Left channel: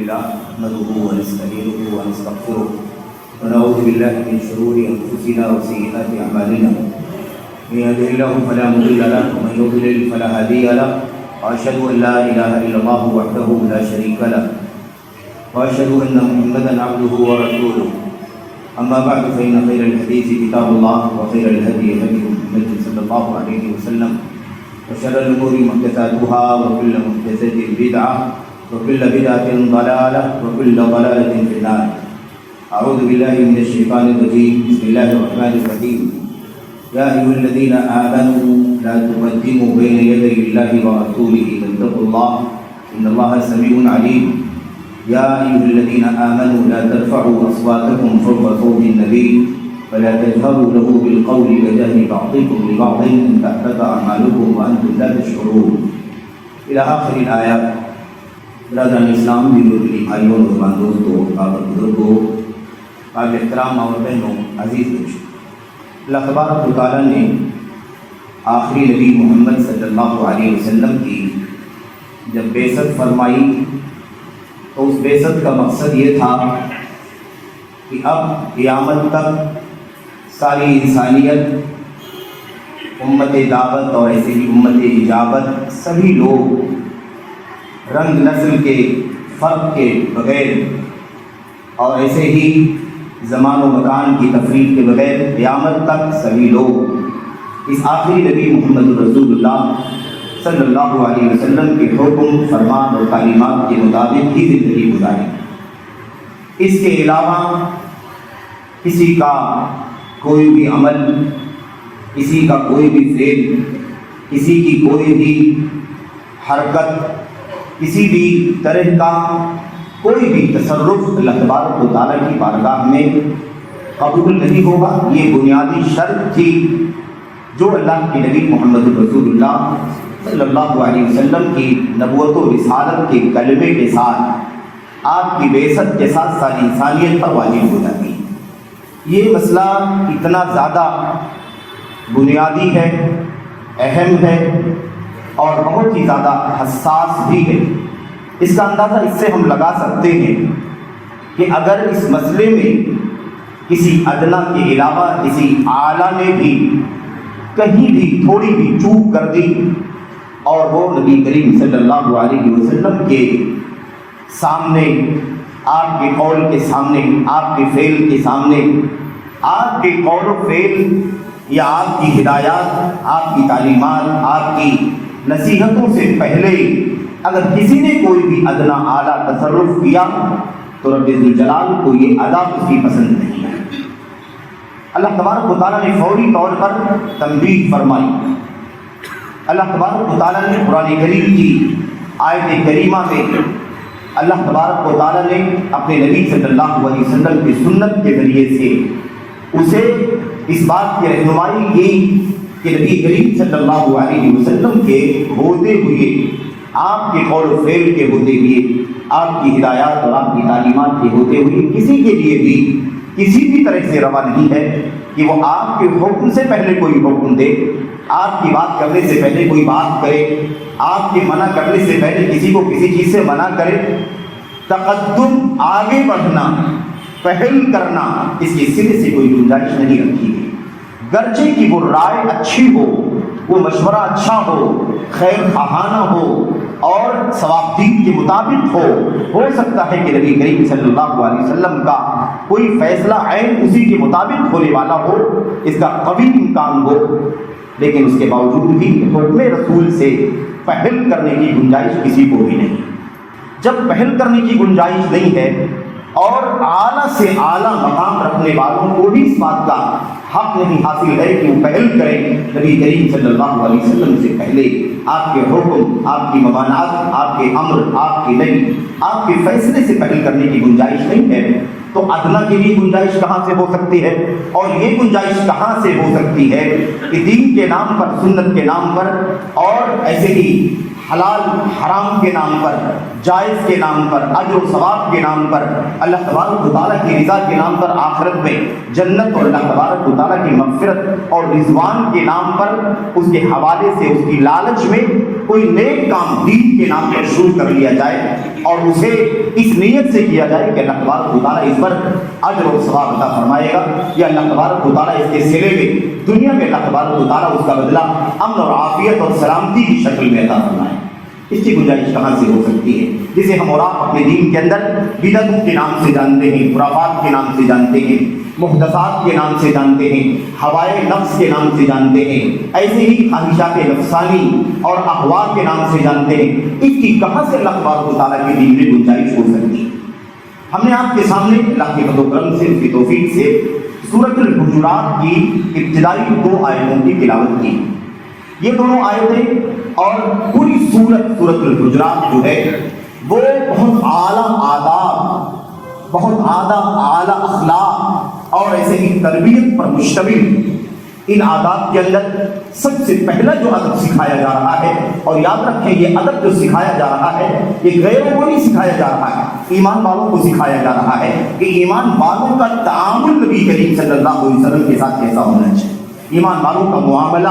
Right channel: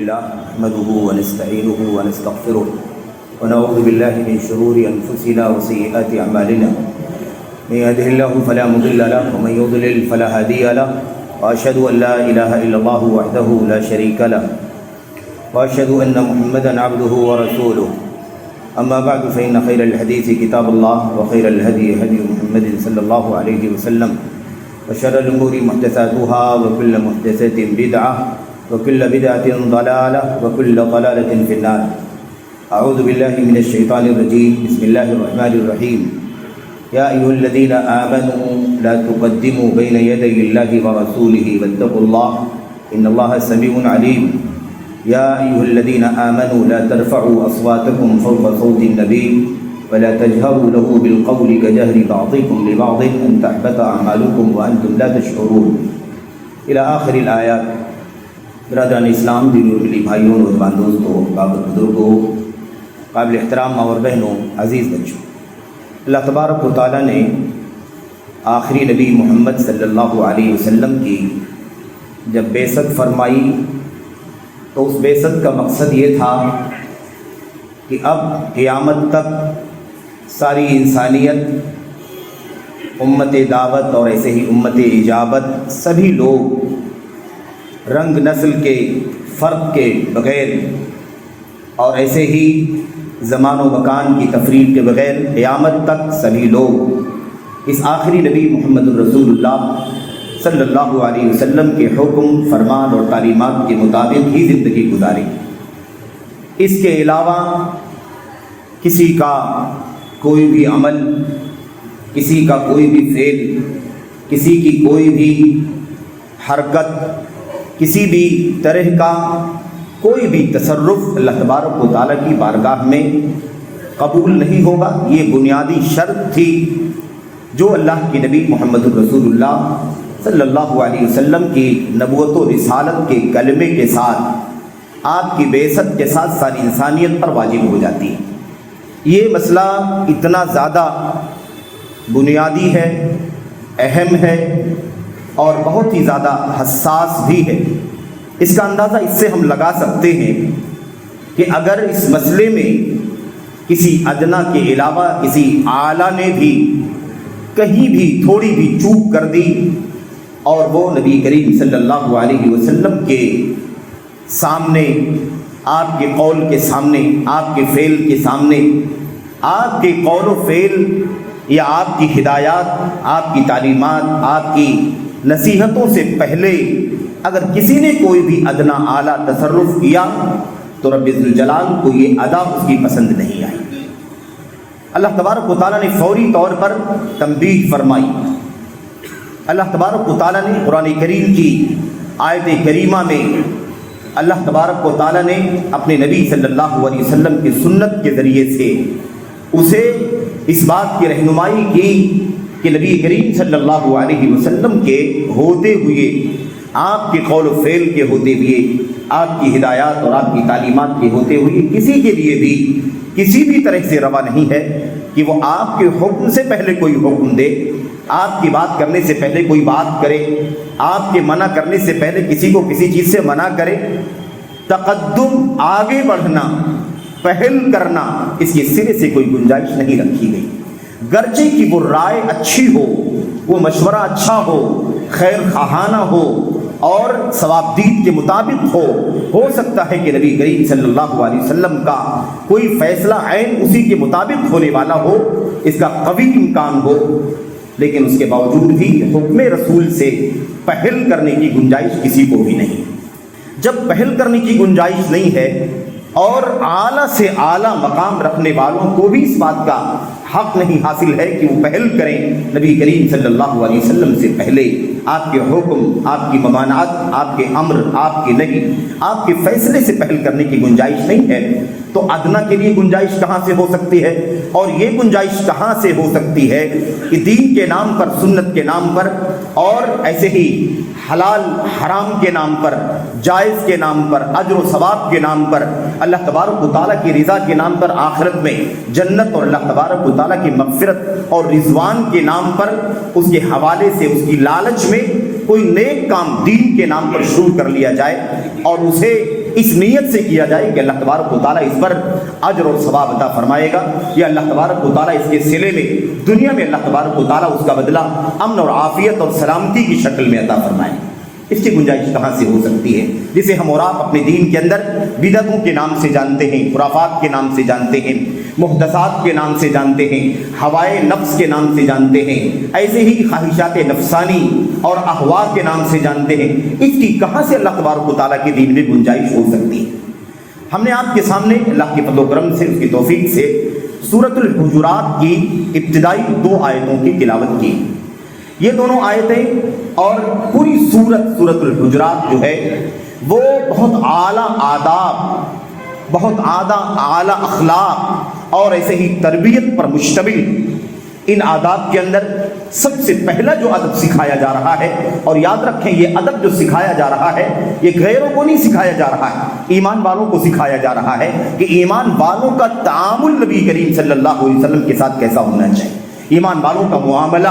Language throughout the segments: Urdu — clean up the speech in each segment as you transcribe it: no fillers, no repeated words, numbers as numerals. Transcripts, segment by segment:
لله نحمده ونستعينه ونستغفره ونعوذ بالله من شرور أنفسنا وسيئات أعمالنا من يهده الله فلا مضل له ومن يضلل فلا هادي له وأشهد أن لا إله إلا الله وحده لا شريك له وأشهد أن محمدا عبده ورسوله أما بعد فإن خير الحديث كتاب الله وخير الهدي هدي محمد صلى الله عليه وسلم وشر الأمور محدثاتها وكل محدثة بدعة وكل بدعة ضلالة وكل ضلالة في النار. أعوذ بالله من الشيطان الرجيم. بسم الله الرحمن الرحيم. يا أيها الذين آمنوا لا تقدموا بين يدي الله ورسوله واتقوا الله إن الله سميع عليم. يا أيها الذين آمنوا لا ترفعوا أصواتكم فوق صوت النبي ولا تجهروا له بالقول كجهر بعضكم لبعض أن تحبط أعمالكم وأنتم لا تشعرون إلى آخر الآيات. برادران اسلام، دینی بھائیوں اور دوستوں، قابل بزرگوں، قابل احترام اور بہنوں، عزیز بچوں، اللہ تبارک و تعالیٰ نے آخری نبی محمد صلی اللہ علیہ وسلم کی جب بعثت فرمائی تو اس بعثت کا مقصد یہ تھا کہ اب قیامت تک ساری انسانیت، امت دعوت اور ایسے ہی امت اجابت، سبھی لوگ رنگ نسل کے فرق کے بغیر اور ایسے ہی زمان و مکان کی تفریق کے بغیر قیامت تک سبھی لوگ اس آخری نبی محمد الرسول اللہ صلی اللہ علیہ وسلم کے حکم، فرمان اور تعلیمات کے مطابق ہی زندگی گزاری. اس کے علاوہ کسی کا کوئی بھی عمل، کسی کا کوئی بھی فعل، کسی کی کوئی بھی حرکت، کسی بھی طرح کا کوئی بھی تصرف اللہ تبارک و تعالیٰ کی بارگاہ میں قبول نہیں ہوگا. یہ بنیادی شرط تھی جو اللہ کے نبی محمد الرسول اللہ صلی اللہ علیہ وسلم کی نبوت و رسالت کے کلمے کے ساتھ، آپ کی بعثت کے ساتھ ساری انسانیت پر واجب ہو جاتی ہے. یہ مسئلہ اتنا زیادہ بنیادی ہے، اہم ہے اور بہت ہی زیادہ حساس بھی ہے. اس کا اندازہ اس سے ہم لگا سکتے ہیں کہ اگر اس مسئلے میں کسی ادنا کے علاوہ کسی اعلیٰ نے بھی کہیں بھی تھوڑی بھی چوک کر دی اور وہ نبی کریم صلی اللہ علیہ وسلم کے سامنے، آپ کے قول کے سامنے، آپ کے فعل کے سامنے، آپ کے قول و فعل یا آپ کی ہدایات، آپ کی تعلیمات، آپ کی نصیحتوں سے پہلے اگر کسی نے کوئی بھی ادنا اعلیٰ تصرف کیا تو رب ذوالجلال کو یہ ادا اس کی پسند نہیں آئی. اللہ تبارک و تعالیٰ نے فوری طور پر تنبیہ فرمائی. اللہ تبارک و تعالیٰ نے قرآن کریم کی آیت کریمہ میں اللہ تبارک و تعالیٰ نے اپنے نبی صلی اللہ علیہ وسلم کی سنت کے ذریعے سے اسے اس بات کی رہنمائی کی کہ نبی کریم صلی اللہ علیہ وسلم کے ہوتے ہوئے، آپ کے قول و فعل کے ہوتے ہوئے، آپ کی ہدایات اور آپ کی تعلیمات کے ہوتے ہوئے کسی کے لیے بھی کسی بھی طرح سے روا نہیں ہے کہ وہ آپ کے حکم سے پہلے کوئی حکم دے، آپ کی بات کرنے سے پہلے کوئی بات کرے، آپ کے منع کرنے سے پہلے کسی کو کسی چیز سے منع کرے. تقدم، آگے بڑھنا، پہل کرنا، اس کے سرے سے کوئی گنجائش نہیں رکھی گئی. گرچہ کہ وہ رائے اچھی ہو، وہ مشورہ اچھا ہو، خیر خواہانہ ہو اور ثوابدید کے مطابق ہو سکتا ہے کہ نبی کریم صلی اللہ علیہ وسلم کا کوئی فیصلہ عین اسی کے مطابق ہونے والا ہو، اس کا قوی امکان ہو، لیکن اس کے باوجود بھی حکم رسول سے پہل کرنے کی گنجائش کسی کو بھی نہیں. جب پہل کرنے کی گنجائش نہیں ہے اور اعلیٰ سے اعلیٰ مقام رکھنے والوں کو بھی اس بات کا حق نہیں حاصل ہے کہ وہ پہل کریں نبی کریم صلی اللہ علیہ وسلم سے پہلے. آپ کے حکم، آپ کی ممانعت، آپ کے امر، آپ کے نہی، آپ کے فیصلے سے پہل کرنے کی گنجائش نہیں ہے تو ادنا کے لیے گنجائش کہاں سے ہو سکتی ہے؟ اور یہ گنجائش کہاں سے ہو سکتی ہے کہ دین کے نام پر، سنت کے نام پر اور ایسے ہی حلال حرام کے نام پر، جائز کے نام پر، اجر و ثواب کے نام پر، اللہ تبارک و تعالیٰ کی رضا کے نام پر، آخرت میں جنت اور اللہ تبارک و تعالیٰ کی مغفرت اور رضوان کے نام پر، اس کے حوالے سے، اس کی لالچ میں کوئی نیک کام دین کے نام پر شروع کر لیا جائے. اور اسے اس نیت سے کیا جائے کہ اللہ تبارک و تعالیٰ اس پر اجر اور ثواب عطا فرمائے گا، یا اللہ تبارک و تعالیٰ اس کے صلے میں دنیا میں اللہ تبارک و تعالیٰ اس کا بدلہ امن اور عافیت اور سلامتی کی شکل میں عطا فرمائے۔ اس کی گنجائش کہاں سے ہو سکتی ہے؟ جسے ہم اور آپ اپنے دین کے اندر بدعتوں کے نام سے جانتے ہیں، خرافات کے نام سے جانتے ہیں، محدثات کے نام سے جانتے ہیں، ہوائے نفس کے نام سے جانتے ہیں، ایسے ہی خواہشات نفسانی اور احوا کے نام سے جانتے ہیں، اس کی کہاں سے اللہ تبارک و تعالیٰ کے دین میں گنجائش ہو سکتی ہے؟ ہم نے آپ کے سامنے اللہ کے فضل و کرم سے، اس کی توفیق سے سورۃ الحجرات کی ابتدائی 2 آیتوں کی تلاوت کی۔ یہ دونوں آیتیں اور پوری سورۃ الحجرات جو ہے وہ بہت اعلیٰ آداب، بہت اعلیٰ اخلاق اور ایسے ہی تربیت پر مشتمل۔ ان آداب کے اندر سب سے پہلا جو ادب سکھایا جا رہا ہے، اور یاد رکھیں یہ ادب جو سکھایا جا رہا ہے یہ غیروں کو نہیں سکھایا جا رہا ہے، ایمان والوں کو سکھایا جا رہا ہے کہ ایمان والوں کا تعامل نبی کریم صلی اللہ علیہ وسلم کے ساتھ کیسا ہونا چاہیے، ایمان والوں کا معاملہ،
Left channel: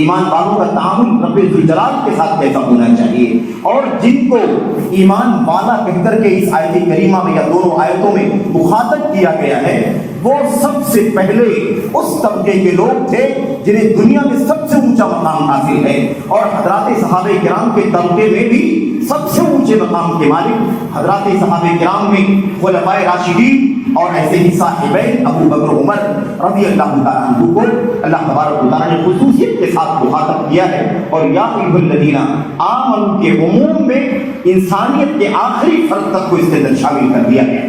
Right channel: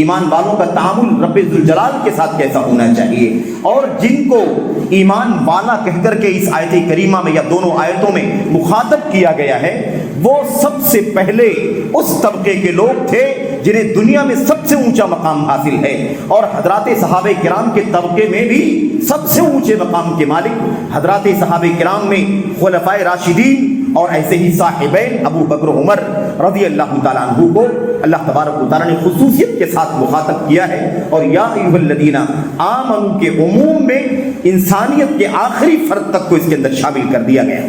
ایمان والوں کا تعامل رب ذوالجلال کے ساتھ کیسا ہونا چاہیے۔ اور جن کو ایمان والا کہہ کر کے اس آیت کریمہ میں یا دونوں آیتوں میں مخاطب کیا گیا ہے، وہ سب سے پہلے اس طبقے کے لوگ تھے جنہیں دنیا میں سب سے اونچا مقام حاصل ہے، اور حضرات صحابہ کرام کے طبقے میں بھی سب سے اونچے مقام کے مالک حضرات صحابہ کرام میں خلفائے راشدین اور ایسے ہی صاحبین ابو بکر عمر رضی اللہ تعالیٰ عنہ کو اللہ تبارک و تعالیٰ نے خصوصیت کے ساتھ مخاطب کیا ہے، اور یا ایھا الذین آمنوا کے عموم میں انسانیت کے آخری فرد تک کو اس کے اندر شامل کر دیا گیا۔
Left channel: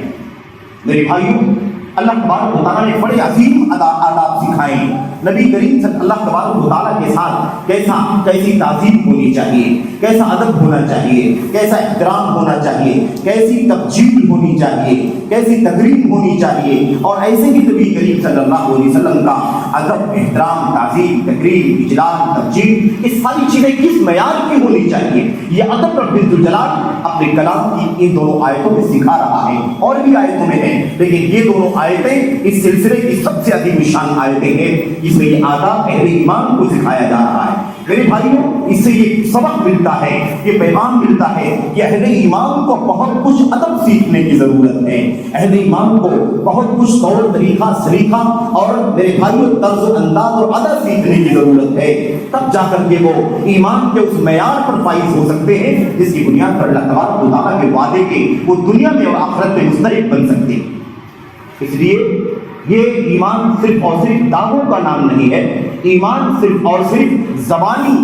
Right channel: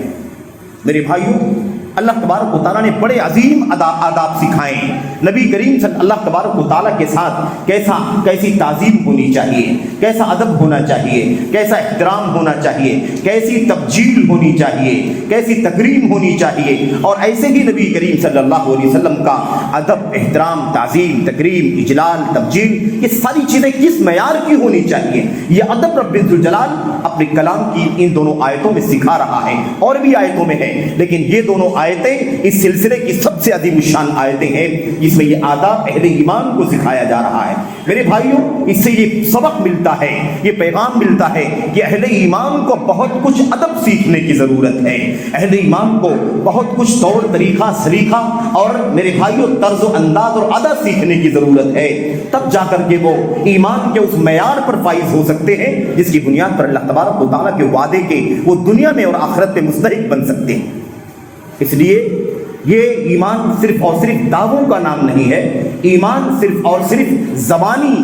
میرے بھائیوں، اللہ تبارک و تعالیٰ نے بڑے عظیم آداب سکھائے ہیں۔ نبی کریم صلی اللہ تبارک و تعالیٰ کے ساتھ کیسی تعظیم ہونی چاہیے، کیسا ادب ہونا چاہیے، کیسا احترام ہونا چاہیے، کیسی تبجیل ہونی چاہیے، کیسی تکریم ہونی چاہیے، اور ایسے ہی نبی کریم صلی اللہ علیہ وسلم کا ادب، احترام، تعظیم، تکریم، اجلال، تبجیل، یہ ساری چیزیں کس معیار کی ہونی چاہیے، یہ ادب رب ذوالجلال اپنے کلام کی ان دونوں آیتوں میں سکھا رہا ہے، اور بھی آیتوں میں ہے، لیکن یہ دونوں آیتیں اس سلسلے کی سب سے عظیم شان آیتیں ہیں جس میں یہ آداب اہل ایمان کو سکھایا جا رہا ہے۔ میرے بھائیوں، اس سے یہ سبق ملتا ہے، یہ پیغام ملتا ہے کہ اہل ایمان کو بہت کچھ ادب سیکھنے کی ضرورت ہے، اہل ایمان کو بہت کچھ طور طریقہ سلیقہ اور میرے بھائیوں طرز و انداز اور ادا سیکھنے کی ضرورت ہے، تب جا کر کے وہ ایمان کے اس معیار پر فائز ہو سکتے ہیں جس کی بنیاد پر اللہ تبارک و تعالیٰ کے وعدے کے وہ دنیا میں اور آخرت میں مستحق بن سکتے ہیں۔ اس لیے یہ ایمان صرف اور صرف دعووں کا نام نہیں ہے، ایمان صرف اور صرف زبانی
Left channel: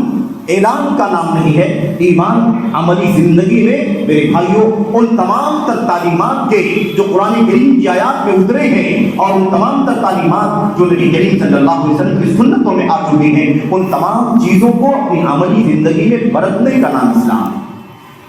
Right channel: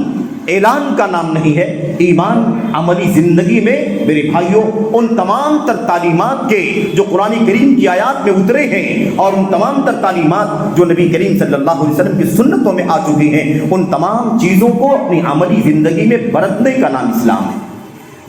اعلان کا نام نہیں ہے، ایمان عملی زندگی میں میرے بھائیوں ان تمام تر تعلیمات کے جو قرآن کریم کی آیات میں اترے ہیں، اور ان تمام تر تعلیمات جو نبی کریم صلی اللہ علیہ وسلم کی سنتوں میں آ چکی ہیں، ان تمام چیزوں کو اپنی عملی زندگی میں برتنے کا نام اسلام ہے،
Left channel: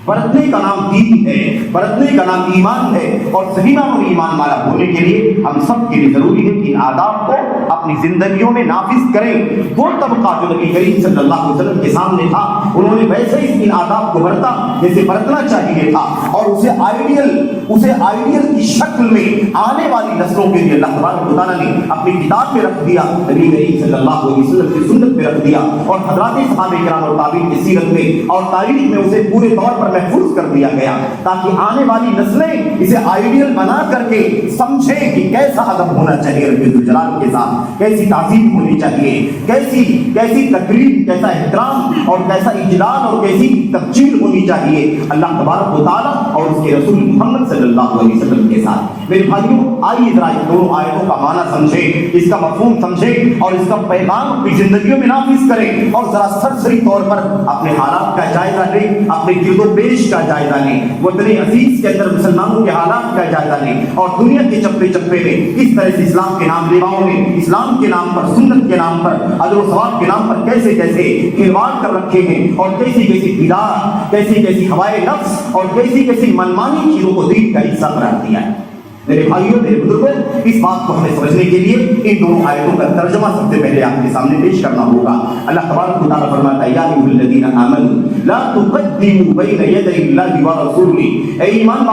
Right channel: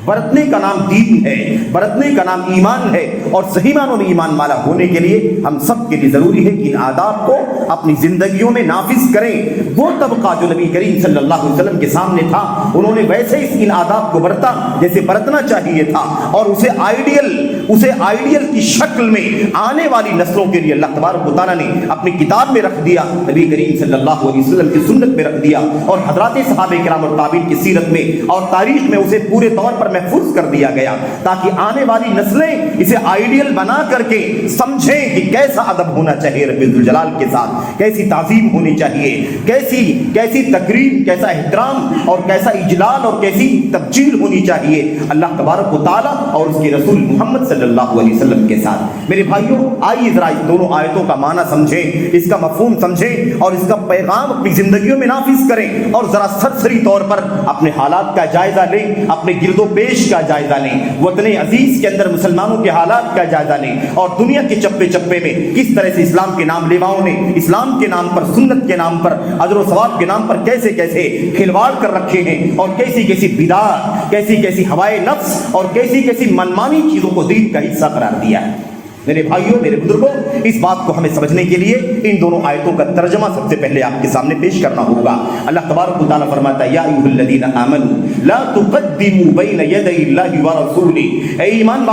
برتنے کا نام دین ہے، برتنے کا نام ایمان ہے، اور صحیح معنوں میں ایمان والا ہونے کے لیے ہم سب کے لیے ضروری ہے کہ ان آداب کو اپنی زندگیوں میں نافذ کریں۔ وہ طبقہ جو نبی کریم صلی اللہ علیہ وسلم کے سامنے تھا، انہوں نے ویسے ہی ان آداب کو برتا جیسے برتنا چاہیے تھا، اور اسے آئیڈیل کی شکل میں آنے والی نسلوں کے لیے اللہ تبارک و تعالیٰ نے اپنی کتاب میں رکھ دیا، نبی کریم صلی اللہ علیہ وسلم کی سنت میں رکھ دیا، اور حضرات صحابہ کرام اور تابعین کی سیرت میں اور تاریخ میں اسے پورے طور پر محفوظ کر دیا گیا، تاکہ آنے والی نسلیں اسے آئیڈیل بنا کر کے سمجھیں کہ کیسا ادب ہونا چاہیے رب ذوالجلال کے ساتھ، کیسی تعظیم ہونی چاہیے، کیسی تقریب، کیسا احترام اور کیسا اجلال اور کیسی تبجیل ہونی چاہیے اللہ تبارک و تعالیٰ اور اس کے رسول محمد صلی اللہ علیہ وسلم کے ساتھ۔ میرے بھائیوں، آئیے ذرا اس دونوں آیتوں کا معنی سمجھیں، اس کا مفہوم سمجھیں، اور اس کا پیغام اپنی زندگیوں میں نافذ کریں، اور ذرا سرسری طور پر اپنے حالات کا جائزہ لیں، اپنے گرد و پیش کا جائزہ لیں، وطن عزیز کے اندر مسلمانوں کے حالات کا جائزہ لیں، اور دنیا کے چپے چپے میں کس طرح سے اسلام کے نام لیواؤں نے اسلام کے نام پر، سنت کے نام پر، اجر و ثواب کے نام پر کیسے کیسے کھلواڑ کر رکھے ہیں، اور کیسی کیسی بدعات، کیسی کیسی ہوائے نفس اور کیسی کیسی منمانی چیزوں کو دین کا حصہ قرار دیا ہے۔ میرے بھائیوں، میرے بزرگوں، اس بات کو ہمیں سمجھنے کے لیے ان دونوں آیتوں کا ترجمہ سب سے پہلے آپ کے سامنے پیش کرنا ہوگا۔ اللہ تبارک و تعالیٰ فرماتا ہے، یا ایھا الذین آمنوا لا تقدموا بین یدی اللہ ورسولہ، اے ایمان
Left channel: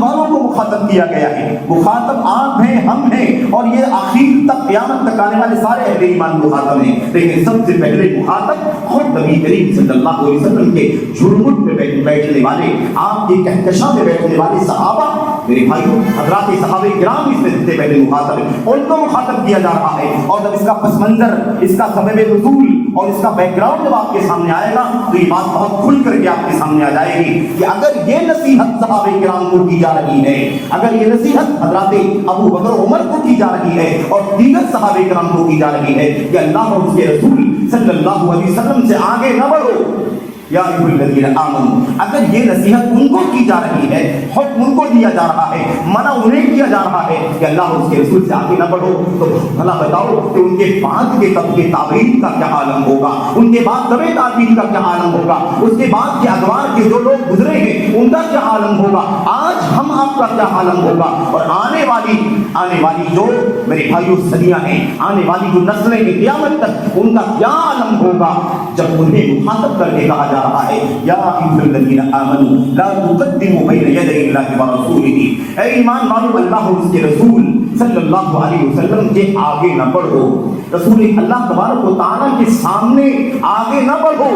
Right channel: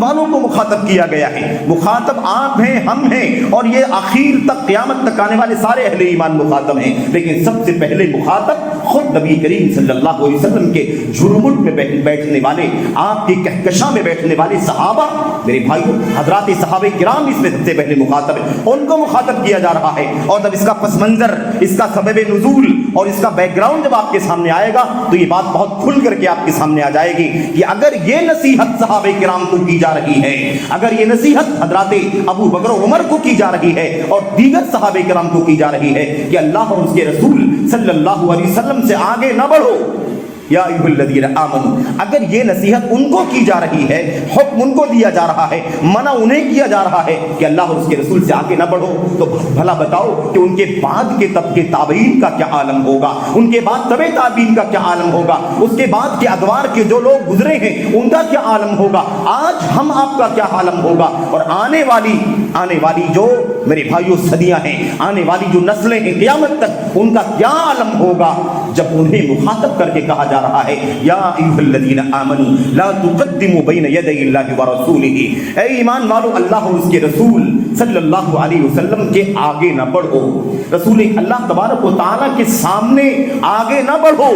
والوں کو مخاطب کیا گیا ہے. مخاطب آپ ہیں, ہم ہیں, اور یہ آخر تک قیامت تک آنے والے سارے اہل ایمان مخاطب ہیں. لیکن سب سے پہلے مخاطب خود نبی کریم صلی اللہ علیہ وسلم کے جھرمٹ میں بیٹھنے والے, آپ کے کہکشاں میں بیٹھنے والے صحابہ, میرے بھائیوں حضرات صحابہ کرام اس میں سب سے پہلے مخاطب ہیں, ان کو مخاطب کیا جا رہا ہے. اور جب اس کا پس منظر, اس کا سبب نزول اور اس کا بیک گراؤنڈ جب آپ کے سامنے آئے گا تو یہ بات بہت کھل کر کے آپ کے سامنے آ جائے گی کہ اگر یہ نصیحت صحابہ کرام کو کی جا رہی ہے, اگر یہ نصیحت حضرات ابو بکر و عمر کو کی جا رہی ہے اور دیگر صحابہ کرام کو کی جا رہی ہے کہ اللہ اور اس کے رسول صلی اللہ علیہ وسلم سے آگے نہ بڑھو, یا ایھا الذین آمنوا, اگر یہ نصیحت ان کو کی جا رہی ہے, حکم ان کو دیا جا رہا ہے, منع انہیں کیا جا رہا ہے کہ اللہ اور اس کے رسول سے آگے نہ بڑھو, تو بھلا بتاؤ کہ ان کے بعد کے طبقے تابعین کا کیا عالم ہوگا, ان کے بعد طبع تابعین کا کیا عالم ہوگا, اس کے بعد کے ادوار کے جو لوگ گزرے ہیں ان کا کیا عالم ہوگا, آج ہم آپ کا کیا عالم ہوگا, اور آنے والی جو میرے بھائیوں صدیاں ہیں, آنے والی جو نسلیں ہیں قیامت تک, ان کا کیا عالم ہوگا جب انہیں مخاطب کر کے کہا جا رہا ہے یا ایھا الذین آمنوا لا تقدموا بین یدی اللہ ورسولہ, اے ایمان والو اللہ اور اس کے رسول صلی اللہ علیہ وسلم کے آگے نہ بڑھو, رسول اللہ تبارک و تعالیٰ کے سامنے آگے نہ بڑھو.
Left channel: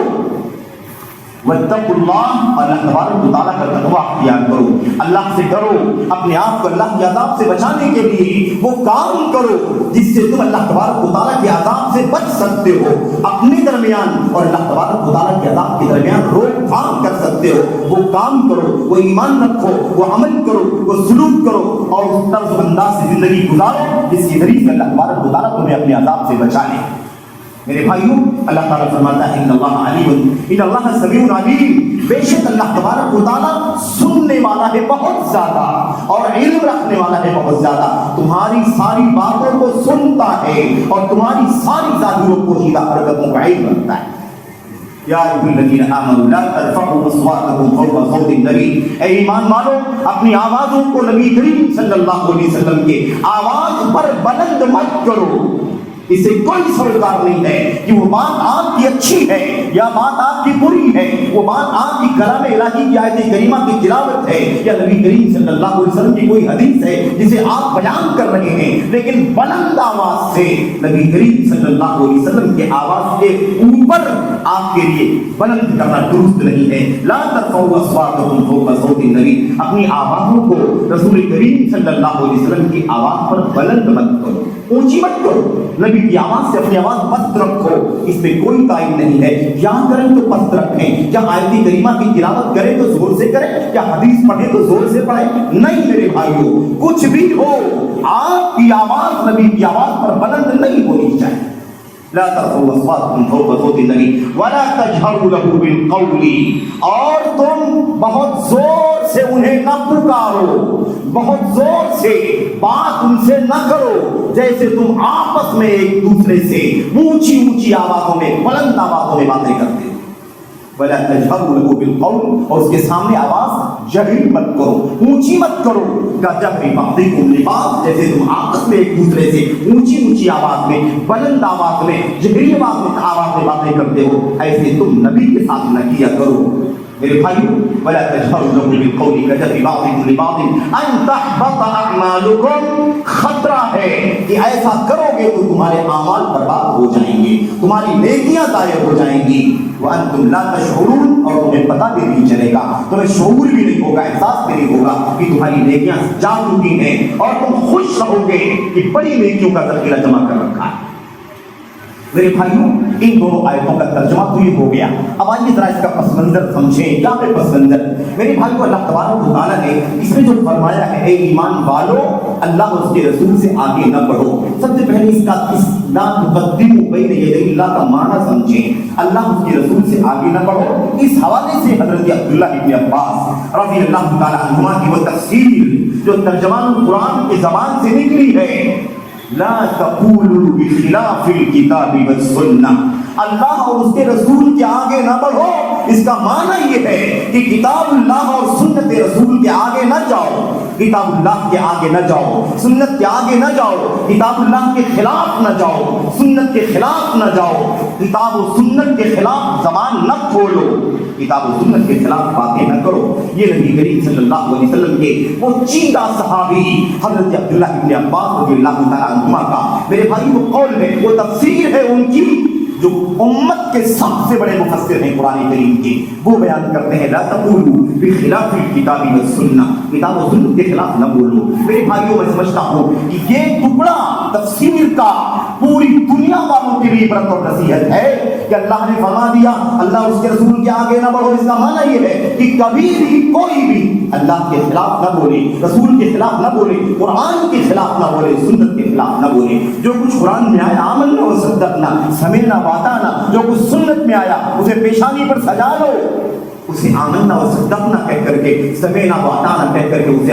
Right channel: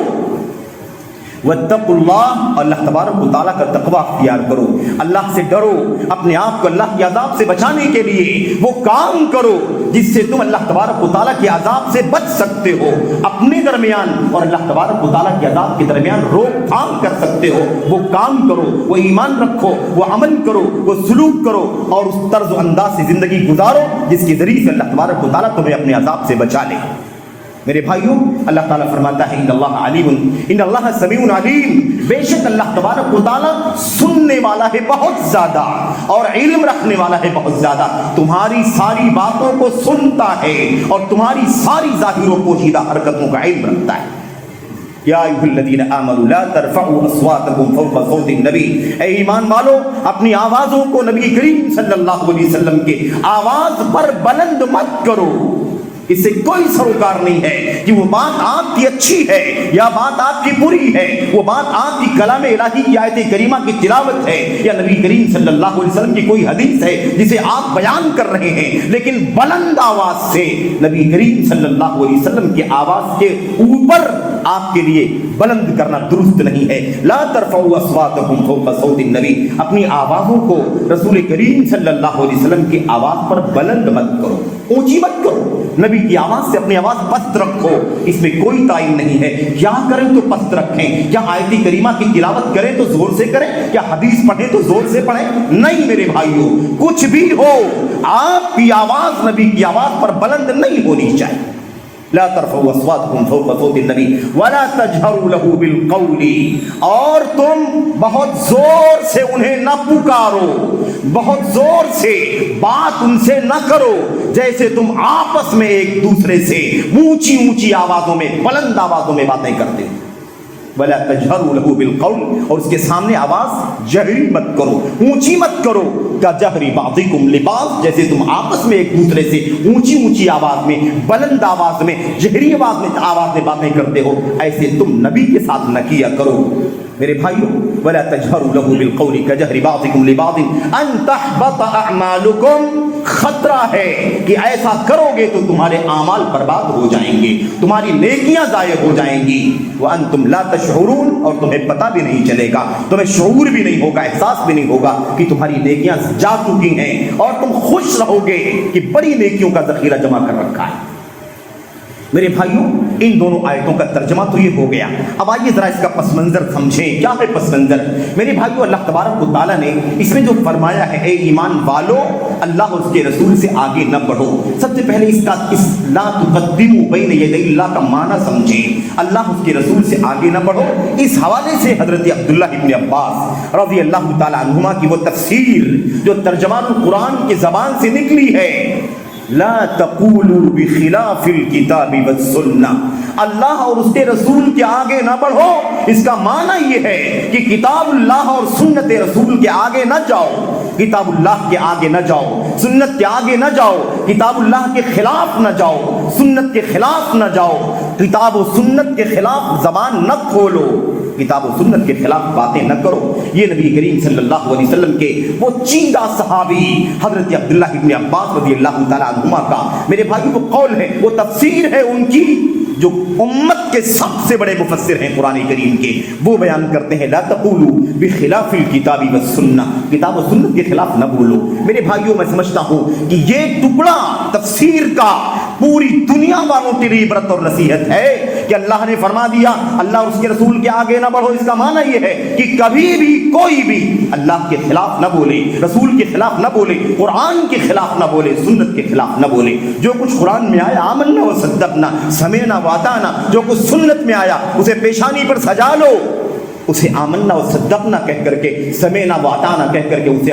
واتقوا اللہ, اللہ تبارک و تعالیٰ کا تقویٰ اختیار کرو, اللہ سے ڈرو, اپنے آپ کو اللہ کے عذاب سے بچانے کے لیے وہ کام کرو جس سے تم اللہ تبارک و تعالیٰ کے عذاب سے بچ سکتے ہو, اپنے درمیان اور اللہ تبارک و تعالیٰ کے عذاب کے درمیان روک تھام کر سکتے ہو. وہ کام کرو, وہ ایمان رکھو, وہ عمل کرو, وہ سلوک کرو, اور اس طرز و انداز سے زندگی گزارو جس کے ذریعے سے اللہ تبارک و تعالیٰ تمہیں اپنے عذاب سے بچا لے. میرے بھائیوں اللہ تعالیٰ فرماتا ہے ان اللہ علیم, ان اللہ سمیع علیم, بے شک اللہ تبارک و تعالیٰ سننے والا ہے بہت زیادہ اور علم رکھنے والا ہے بہت زیادہ, تمہاری ساری باتوں کو سنتا ہے اور تمہاری ساری ظاہر و پوشیدہ حرکتوں کا علم رکھتا ہے. یا ایھا الذین آمنوا لا ترفعوا اصواتکم فوق صوت النبی, اے ایمان والو اپنی آوازوں کو نبی کریم صلی اللہ علیہ وسلم کے آواز پر بلند مت کرو. اس سے کوئی سروکار نہیں ہے کہ وہ بات آپ کی اچھی ہے یا بات آپ کی بری ہے, وہ بات آپ کی کلام الہی کی آیت کریمہ کی تلاوت ہے یا نبی کریم صلی اللہ علیہ وسلم کی کوئی حدیث ہے جسے آپ بیان کر رہے ہیں, لیکن بلند آواز سے نبی کریم صلی اللہ علیہ وسلم کی آواز کے اوپر آپ کے لیے بلند کرنا درست نہیں ہے. لا ترفعوا اصواتکم فوق صوت النبی, اپنی آوازوں کو رسول کریم صلی اللہ علیہ وسلم کی آواز پر بلند مت کرو, اونچی مت کرو, نبی کی آواز سے اپنی آواز پست رکھو, اس میں کوئی تعین نہیں ہے. کیا کریں تو پست رکھیں, کیا آیت کریمہ کی تلاوت کریں تو زور سے کریں, کیا حدیث پڑھیں تو زور سے پڑھیں, نہیں میرے بھائیوں, کچھ بھی ہو آپ کی آواز نبی کی آواز پر بلند نہیں ہونی چاہیے. لا ترفعوا اصواتکم فوق صوت النبی ولا تجهروا له بالقول, اور تم بہت زور سے انہیں نہ پکارو, بہت زور سے بات ان سے نہ کرو جیسے تم آپس میں ایک دوسرے سے اونچی اونچی آوازوں میں, بلند آوازوں میں باتیں کرتے. ولا تجهروا له بالقول, اور اس کے سامنے آواز جہری مت کرو, اونچی مت کرو. کجہر بعضکم لبعض, جیسے تم آپس میں ایک دوسرے سے اونچی اونچی آواز میں, بلند آواز میں, جہری آواز میں باتیں کرتے ہو, ایسے تم نبی کے ساتھ نہ کیا کرو. میرے بھائیوں ولا تجهروا له بالقول كجهر بعضكم لبعض ان تحبط اعمالكم, خطرہ ہے کہ ایسا کرو گے تو تمہارے اعمال برباد ہو جائیں گے, تمہاری نیکیاں ضائع ہو جائیں گی. وانتم لا تشعرون, اور تمہیں پتہ بھی نہیں چلے گا, تمہیں شعور بھی نہیں ہوگا, احساس بھی نہیں ہوگا کہ تمہاری نیکیاں جا چکی ہیں, اور تم خوش رہو گے کہ بڑی نیکیوں کا ذخیرہ جمع کر رکھا ہے. میرے بھائیوں ان دونوں آیتوں کا ترجمہ تو یہ ہو گیا. اب آئیے ذرا اس کا پس منظر سمجھیں. کیا ہے پس منظر؟ میرے بھائیوں اللہ تبارک و تعالیٰ نے اس میں جو فرمایا ہے اے ایمان والو اللہ اور اس کے رسول سے آگے نہ بڑھو, سب سے پہلے اس کا لا تقدموا بین یدی اللہ کا معنی سمجھیں. اللہ اس کے رسول سے آگے نہ بڑھو, اس حوالے سے حضرت عبداللہ ابن عباس رضی اللہ تعالیٰ عنہما کی وہ تفسیر جو ترجمان قرآن کی زبان سے نکلی ہے, لا تقولوا بخلاف الکتاب والسنہ, اللہ اور اس کے رسول کے آگے نہ بڑھو, اس کا معنی یہ ہے کہ کتاب اللہ اور سنت رسول کے آگے نہ جاؤ, کتاب اللہ کے آگے نہ جاؤ, سنت کے آگے نہ جاؤ, کتاب اللہ کے خلاف نہ جاؤ, سنت کے خلاف نہ جاؤ, کتاب و سنت کے خلاف زبان نہ کھولو. کتاب و سنت کے خلاف باتیں نہ کرو. یہ نبی کریم صلی اللہ علیہ وسلم کے وہ چیدہ صحابی حضرت عبداللہ ابن عباس رضی اللہ تعالیٰ عنہما کا میرے بھائی وہ قول ہے، وہ تفسیر ہے ان کی، جو امت کے سب سے بڑے مفسر ہیں قرآن کریم کے. وہ بیان کرتے ہیں لا تقولوا بخلاف الکتاب والسنہ، کتاب و سنت کے خلاف نہ بولو. میرے بھائیوں میں سمجھتا ہوں کہ یہ ٹکڑا تفسیر کا پوری دنیا والوں کے لیے عبرت اور نصیحت ہے کہ اللہ نے فرما دیا اللہ اس کے رسول کے آگے نہ بڑھو. اس کا معنی یہ ہے کہ کبھی بھی کوئی بھی اللہ کے خلاف نہ بولے، رسول کے خلاف نہ بولے، قرآن کے خلاف نہ بولے، سنت کے خلاف نہ بولے. جو کچھ قرآن میں آیا آمنا و صدقنا، سمعنا واتانا، جو کچھ سنت میں آیا اسے پیشانی پر سجا لو، اسے آمنا و صدقنا کہہ کر کے، سمعنا واتانا کہہ کر کے اسے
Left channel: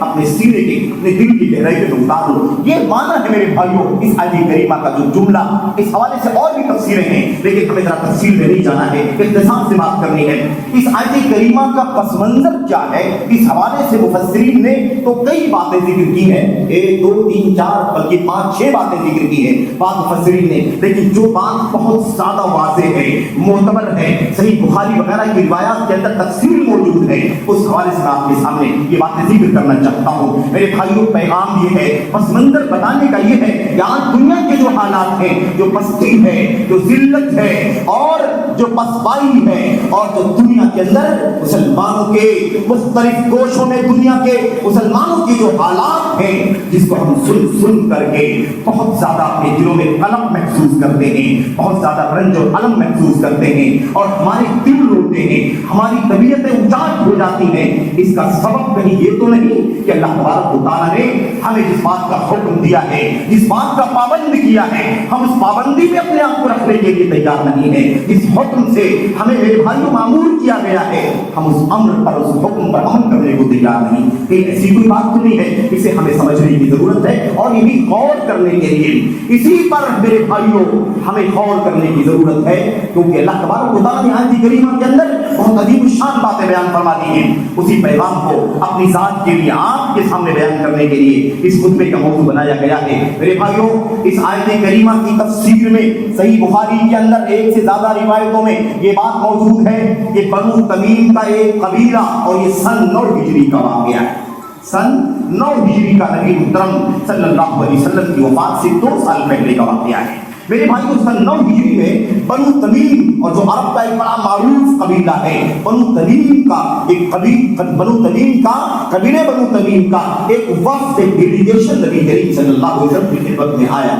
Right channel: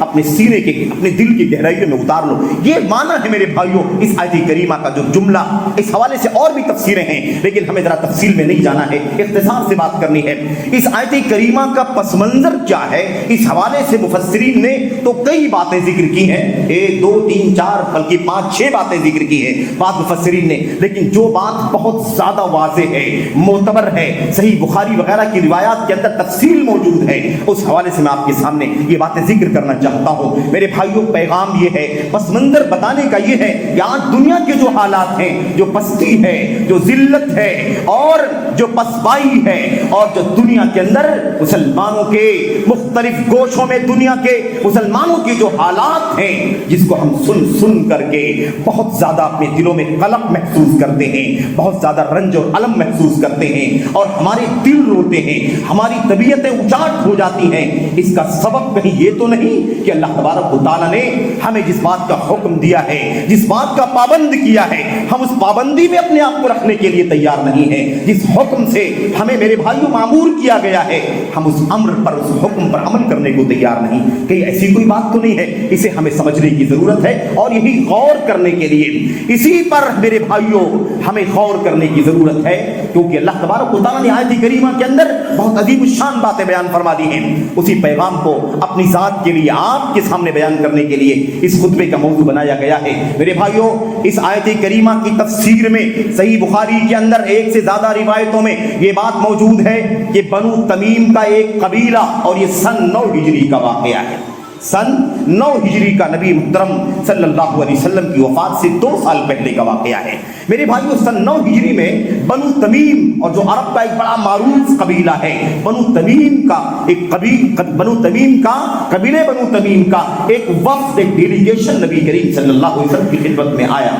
اپنے سینے کے، اپنے دل کی گہرائی میں اتار لو. یہ معنی ہے میرے بھائیوں اس آیت کریمہ کا. جو جملہ اس حوالے سے اور بھی تفسیریں ہیں لیکن ہمیں ذرا تفصیل میں نہیں جانا ہے، اختصار سے بات کرنی ہے. اس آیت کریمہ کا پس منظر کیا ہے، اس حوالے سے مفسرین نے تو کئی باتیں ذکر کی ہیں، 1 2 3 4 بلکہ 5 6 باتیں ذکر کی ہیں بعض مفسرین نے. لیکن جو بات بہت زیادہ واضح ہے، معتبر ہے، صحیح بخاری وغیرہ کی روایات کے اندر تفصیل موجود ہے، اس حوالے سے میں آپ کے سامنے یہ باتیں ذکر کرنا چاہتا ہوں. میرے بھائیوں پیغام یہ ہے، پس منظر بتانے کا یہ ہے کہ آج دنیا کے جو حالات ہیں، جو پستی ہے، جو ذلت ہے اور جو پسپائی ہے، اور جو دنیا کے اندر مسلمانوں کے مختلف گوشوں میں دنیا کے مسلمانوں کے جو حالات ہیں، جس کو ہم سن کر کے بہت زیادہ اپنے دلوں میں قلق محسوس کرتے ہیں، بہت زیادہ رنج اور الم محسوس کرتے ہیں اور ہمارے دل روتے ہیں، ہماری طبیعتیں اچاٹ ہو جاتی ہیں. اس کا سبب کہیں یہ تو نہیں کہ اللہ تبارک و تعالیٰ نے ہمیں جس بات کا حکم دیا ہے، جس بات کا پابند کیا ہے، ہم اس پابندی میں اپنے آپ کو رکھنے کے لیے تیار نہیں ہیں. جس حکم سے ہمیں میرے بھائیوں معمور کیا گیا ہے، ہم اس امر پر، اس حکم پر عمل کرنے کو تیار نہیں. کہ ایسی کوئی بات تو نہیں ہے، اسے ہمیں سمجھنے کی ضرورت ہے اور یہ بھی غور کرنے کے لیے اسی پر میرے بھائیوں ہمیں غور کرنے کی ضرورت ہے. کیونکہ اللہ تبارک و تعالیٰ نے آیت کریمہ کے اندر بہت عظیم الشان باتیں بیان فرما دی ہیں. اسی پیغام کو اپنی ذات کے لیے آپ کے سامنے بیان کرنے کے لیے اس خطبے کا موضوع بنایا گیا ہے. میرے بھائیوں اس آیت کریمہ کی تفسیر میں صحیح بخاری کے اندر 1 سے زیادہ روایتوں میں یہ بات موجود ہے کہ بنو تمیم کا ایک قبیلہ، اور یہ سن 9 ہجری کا واقعہ ہے، سن 9 ہجری کا نبی محترم صلی اللہ علیہ وسلم کی وفات سے 2 سال پہلے کا واقعہ ہے. میرے بھائیوں سن 9 ہجری میں بنو تمیم، اور جو عرب کا ایک بڑا معروف قبیلہ ہے، بنو تمیم کا ایک قبیلے بنو تمیم کا ایک وفد، ایک ڈیلیگیشن نبی کریم صلی اللہ علیہ وسلم کی خدمت میں آیا.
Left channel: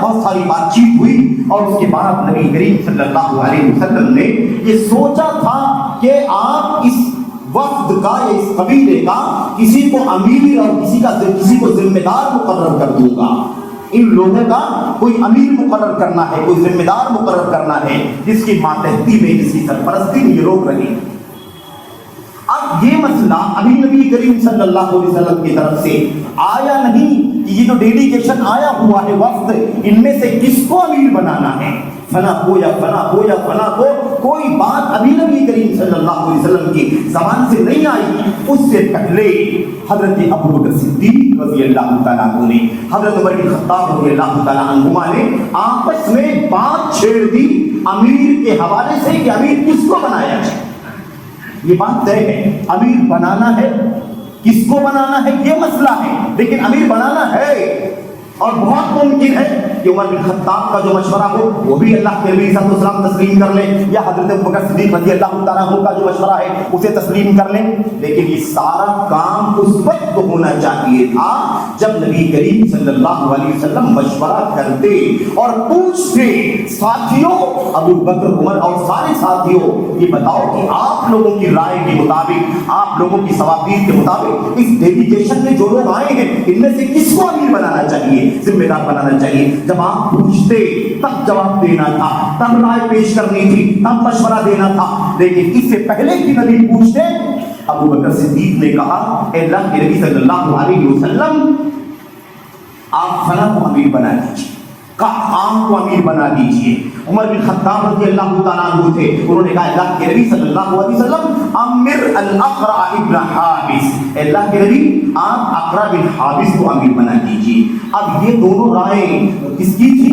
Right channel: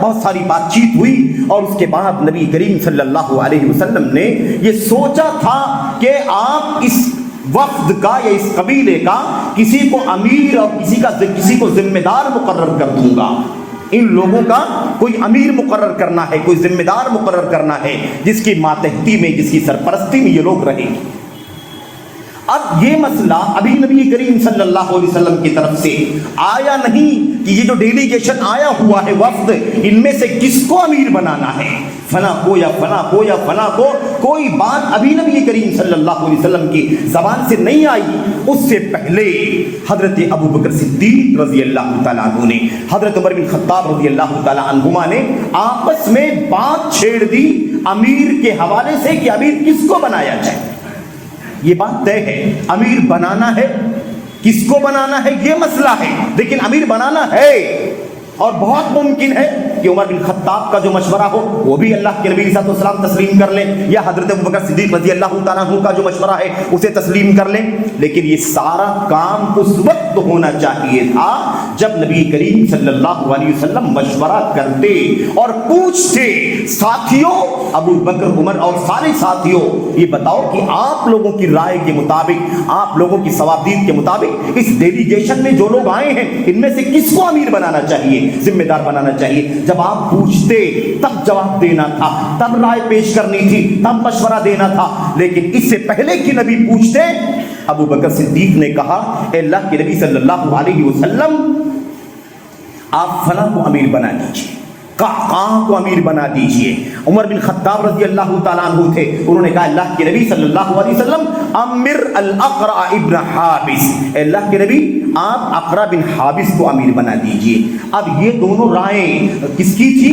بہت ساری بات چیت ہوئی اور اس کے بعد نبی کریم صلی اللہ علیہ وسلم نے یہ سوچا تھا کہ آپ اس وفد کا یا اس قبیلے کا کسی کو امیر اور کسی کو ذمہ دار مقرر کر دوں گا. ان لوگوں کا کوئی امیر مقرر کرنا ہے، کوئی ذمہ دار مقرر کرنا ہے جس کی ماتحتی میں، جس کی سرپرستی میں یہ لوگ رہیں. اب یہ مسئلہ ابھی نبی کریم صلی اللہ علیہ وسلم کی طرف سے آیا نہیں کہ یہ جو ڈیلیگیشن آیا ہوا ہے وفد، ان میں سے کس کو امیر بنانا ہے، فلاں کو یا فلاں کو یا فلاں کو. کوئی بات ابھی نبی کریم صلی اللہ علیہ وسلم کی زبان سے نہیں آئی. اس سے پہلے حضرت ابوبکر صدیق رضی اللہ تعالیٰ عنہ نے، حضرت عمر بن خطاب رضی اللہ تعالیٰ عنہما نے آپس میں بات چھیڑ دی امیر کے حوالے سے کہ امیر کس کو بنایا جائے. یہ بات طے ہے، امیر بنانا ہے، کس کو بنانا ہے یہ مسئلہ ہے، لیکن امیر بنانا ہے. اور بہت ممکن ہے کہ عمر بن خطاب کا جو مشورہ ہو وہ بھی اللہ کے نبی صلی اللہ علیہ وسلم تسلیم کر لیں، یا حضرت ابوبکر صدیق رضی اللہ تعالیٰ عنہ کا جو مشورہ ہے اسے تسلیم کر لیں. لیکن یہ سارا کام اس وقت ہونا چاہیے تھا جب نبی کریم صلی اللہ علیہ وسلم مشورہ کرتے اور پوچھتے، ساتھیوں ابو بکر عمر اور سارے ساتھیوں یہ بتاؤ کہ آپ لوگوں کی رائے کے مطابق، آپ لوگوں کی ثوابدید کے مطابق اس ڈیلیگیشن میں جو لوگ آئے ہیں ان میں سے کس کو امیر بنانا چاہیے، ذمہ دار بنانا چاہیے. جب آپ پوچھتے تب جواب دینا تھا، تب رائے پیش کرنی تھی، تب مشورہ دینا تھا. لیکن اس سے پہلے کہ نبی پوچھتے، ابو بکر صدیق نے کہا اے اللہ کے نبی صلی اللہ علیہ وسلم آپ فلاں کو امیر بنا دیجیے، قعقاع کو امیر بنا دیجیے. عمر بن خطاب رضی اللہ تعالیٰ عنہ تھے، انہوں نے کہا اللہ کے نبی صلی اللہ علیہ وسلم امر الاقرع ابن حابس، اے اللہ کے نبی آپ اقرع بن حابس کو امیر بنا دیجیے. اب یہ دونوں رائے کس کی تھی؟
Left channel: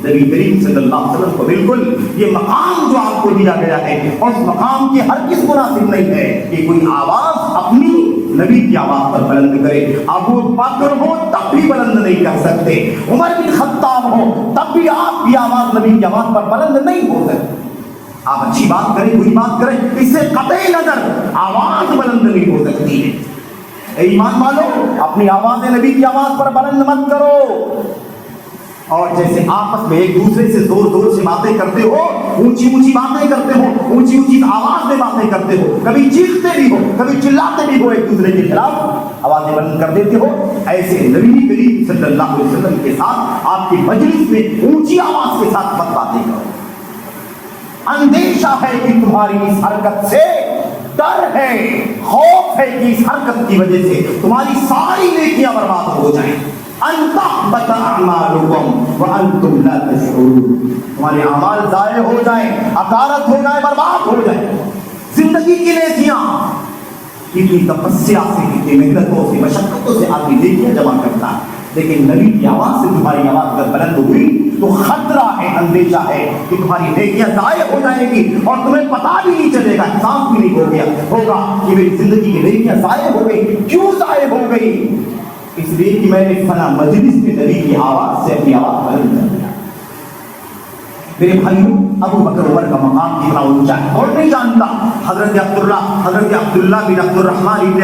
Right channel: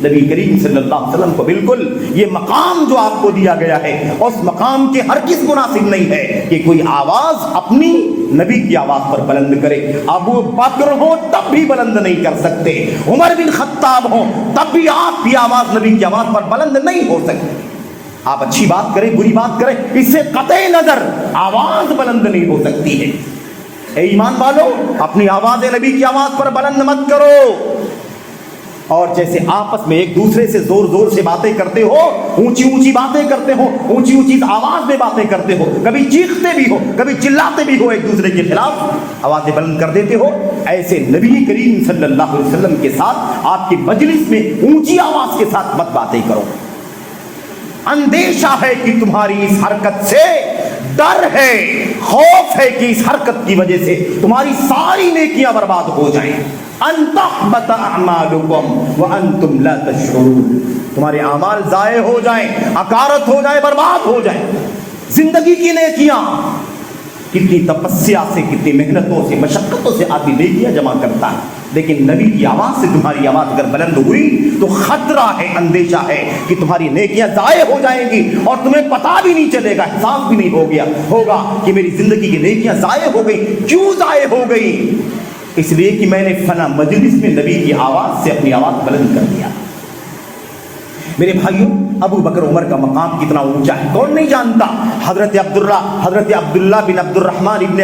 نبی کریم صلی اللہ علیہ وسلم کو بالکل یہ مقام جو آپ کو دیا گیا ہے اس مقام کے ہر کس مناسب نہیں ہے کہ کوئی آواز اپنی نبی کی آواز پر بلند کرے. ابو بکر ہو تب بھی بلند نہیں کر سکتے, عمر بن خطاب ہو تب بھی آپ کی آواز نبی کی آواز پر بلند نہیں ہو سکتی. آپ اچھی بات کریں بری بات کریں, اس سے قطع نظر آواز بلند نہیں ہو سکتی ہے. اے ایمان والو, اپنی آواز نبی کی آواز پر بلند مت کرو. اور جیسے آپس میں ایک دوسرے سے زور زور سے باتیں کرتے ہو, اونچی اونچی باتیں کرتے ہو, اونچی اونچی آواز میں باتیں کرتے ہو, کبھی چیختے بھی ہو, کبھی چلاتے بھی ہو, ایک دوسرے کے خلاف آوازیں بلند کر دیتے ہو, ایسے نبی کریم صلی اللہ علیہ وسلم کے ساتھ آپ کی مجلس میں اونچی آواز کے ساتھ مت باتیں کرو. اندیشہ ہے کہ تمہاری اس حرکت سے, ڈر ہے, خوف ہے کہ اس حرکت کی وجہ سے تمہاری ساری نیکیاں برباد ہو جائیں. ان تحبط اعمالکم وانتم لا تشعرون, تمہارے اعمال ضائع ہو جائیں, اکارت ہو جائے, برباد ہو جائیں. زندگی کی نیکیاں کتنی تپسیا سے, کتنی محنتوں سے, مشقتوں سے آدمی نیکیاں جمع کرتا ہے, لیکن نبی کی آواز سے تمہاری آواز اگر بلند ہوئی تو خطرہ ہے, اندیشہ ہے کہ تمہاری نیکیاں ضائع ہو جائیں گی اور تمہیں پتہ بھی نہیں چلے گا, احساس بھی نہیں ہوگا کہ میری زندگی کی نیکیاں ضائع ہو گئی. کیوں ضائع ہو گئی؟ اس لیے کہ میں نے فلاں مجلس میں نبی کی آواز سے اپنی آواز بلند کر دیا. میرے بھائیوں, ابو بکر عمر کا مقام کتنا اونچا ہے کون نہیں جانتا. حضرت عبداللہ بن عبد الرحمن ابن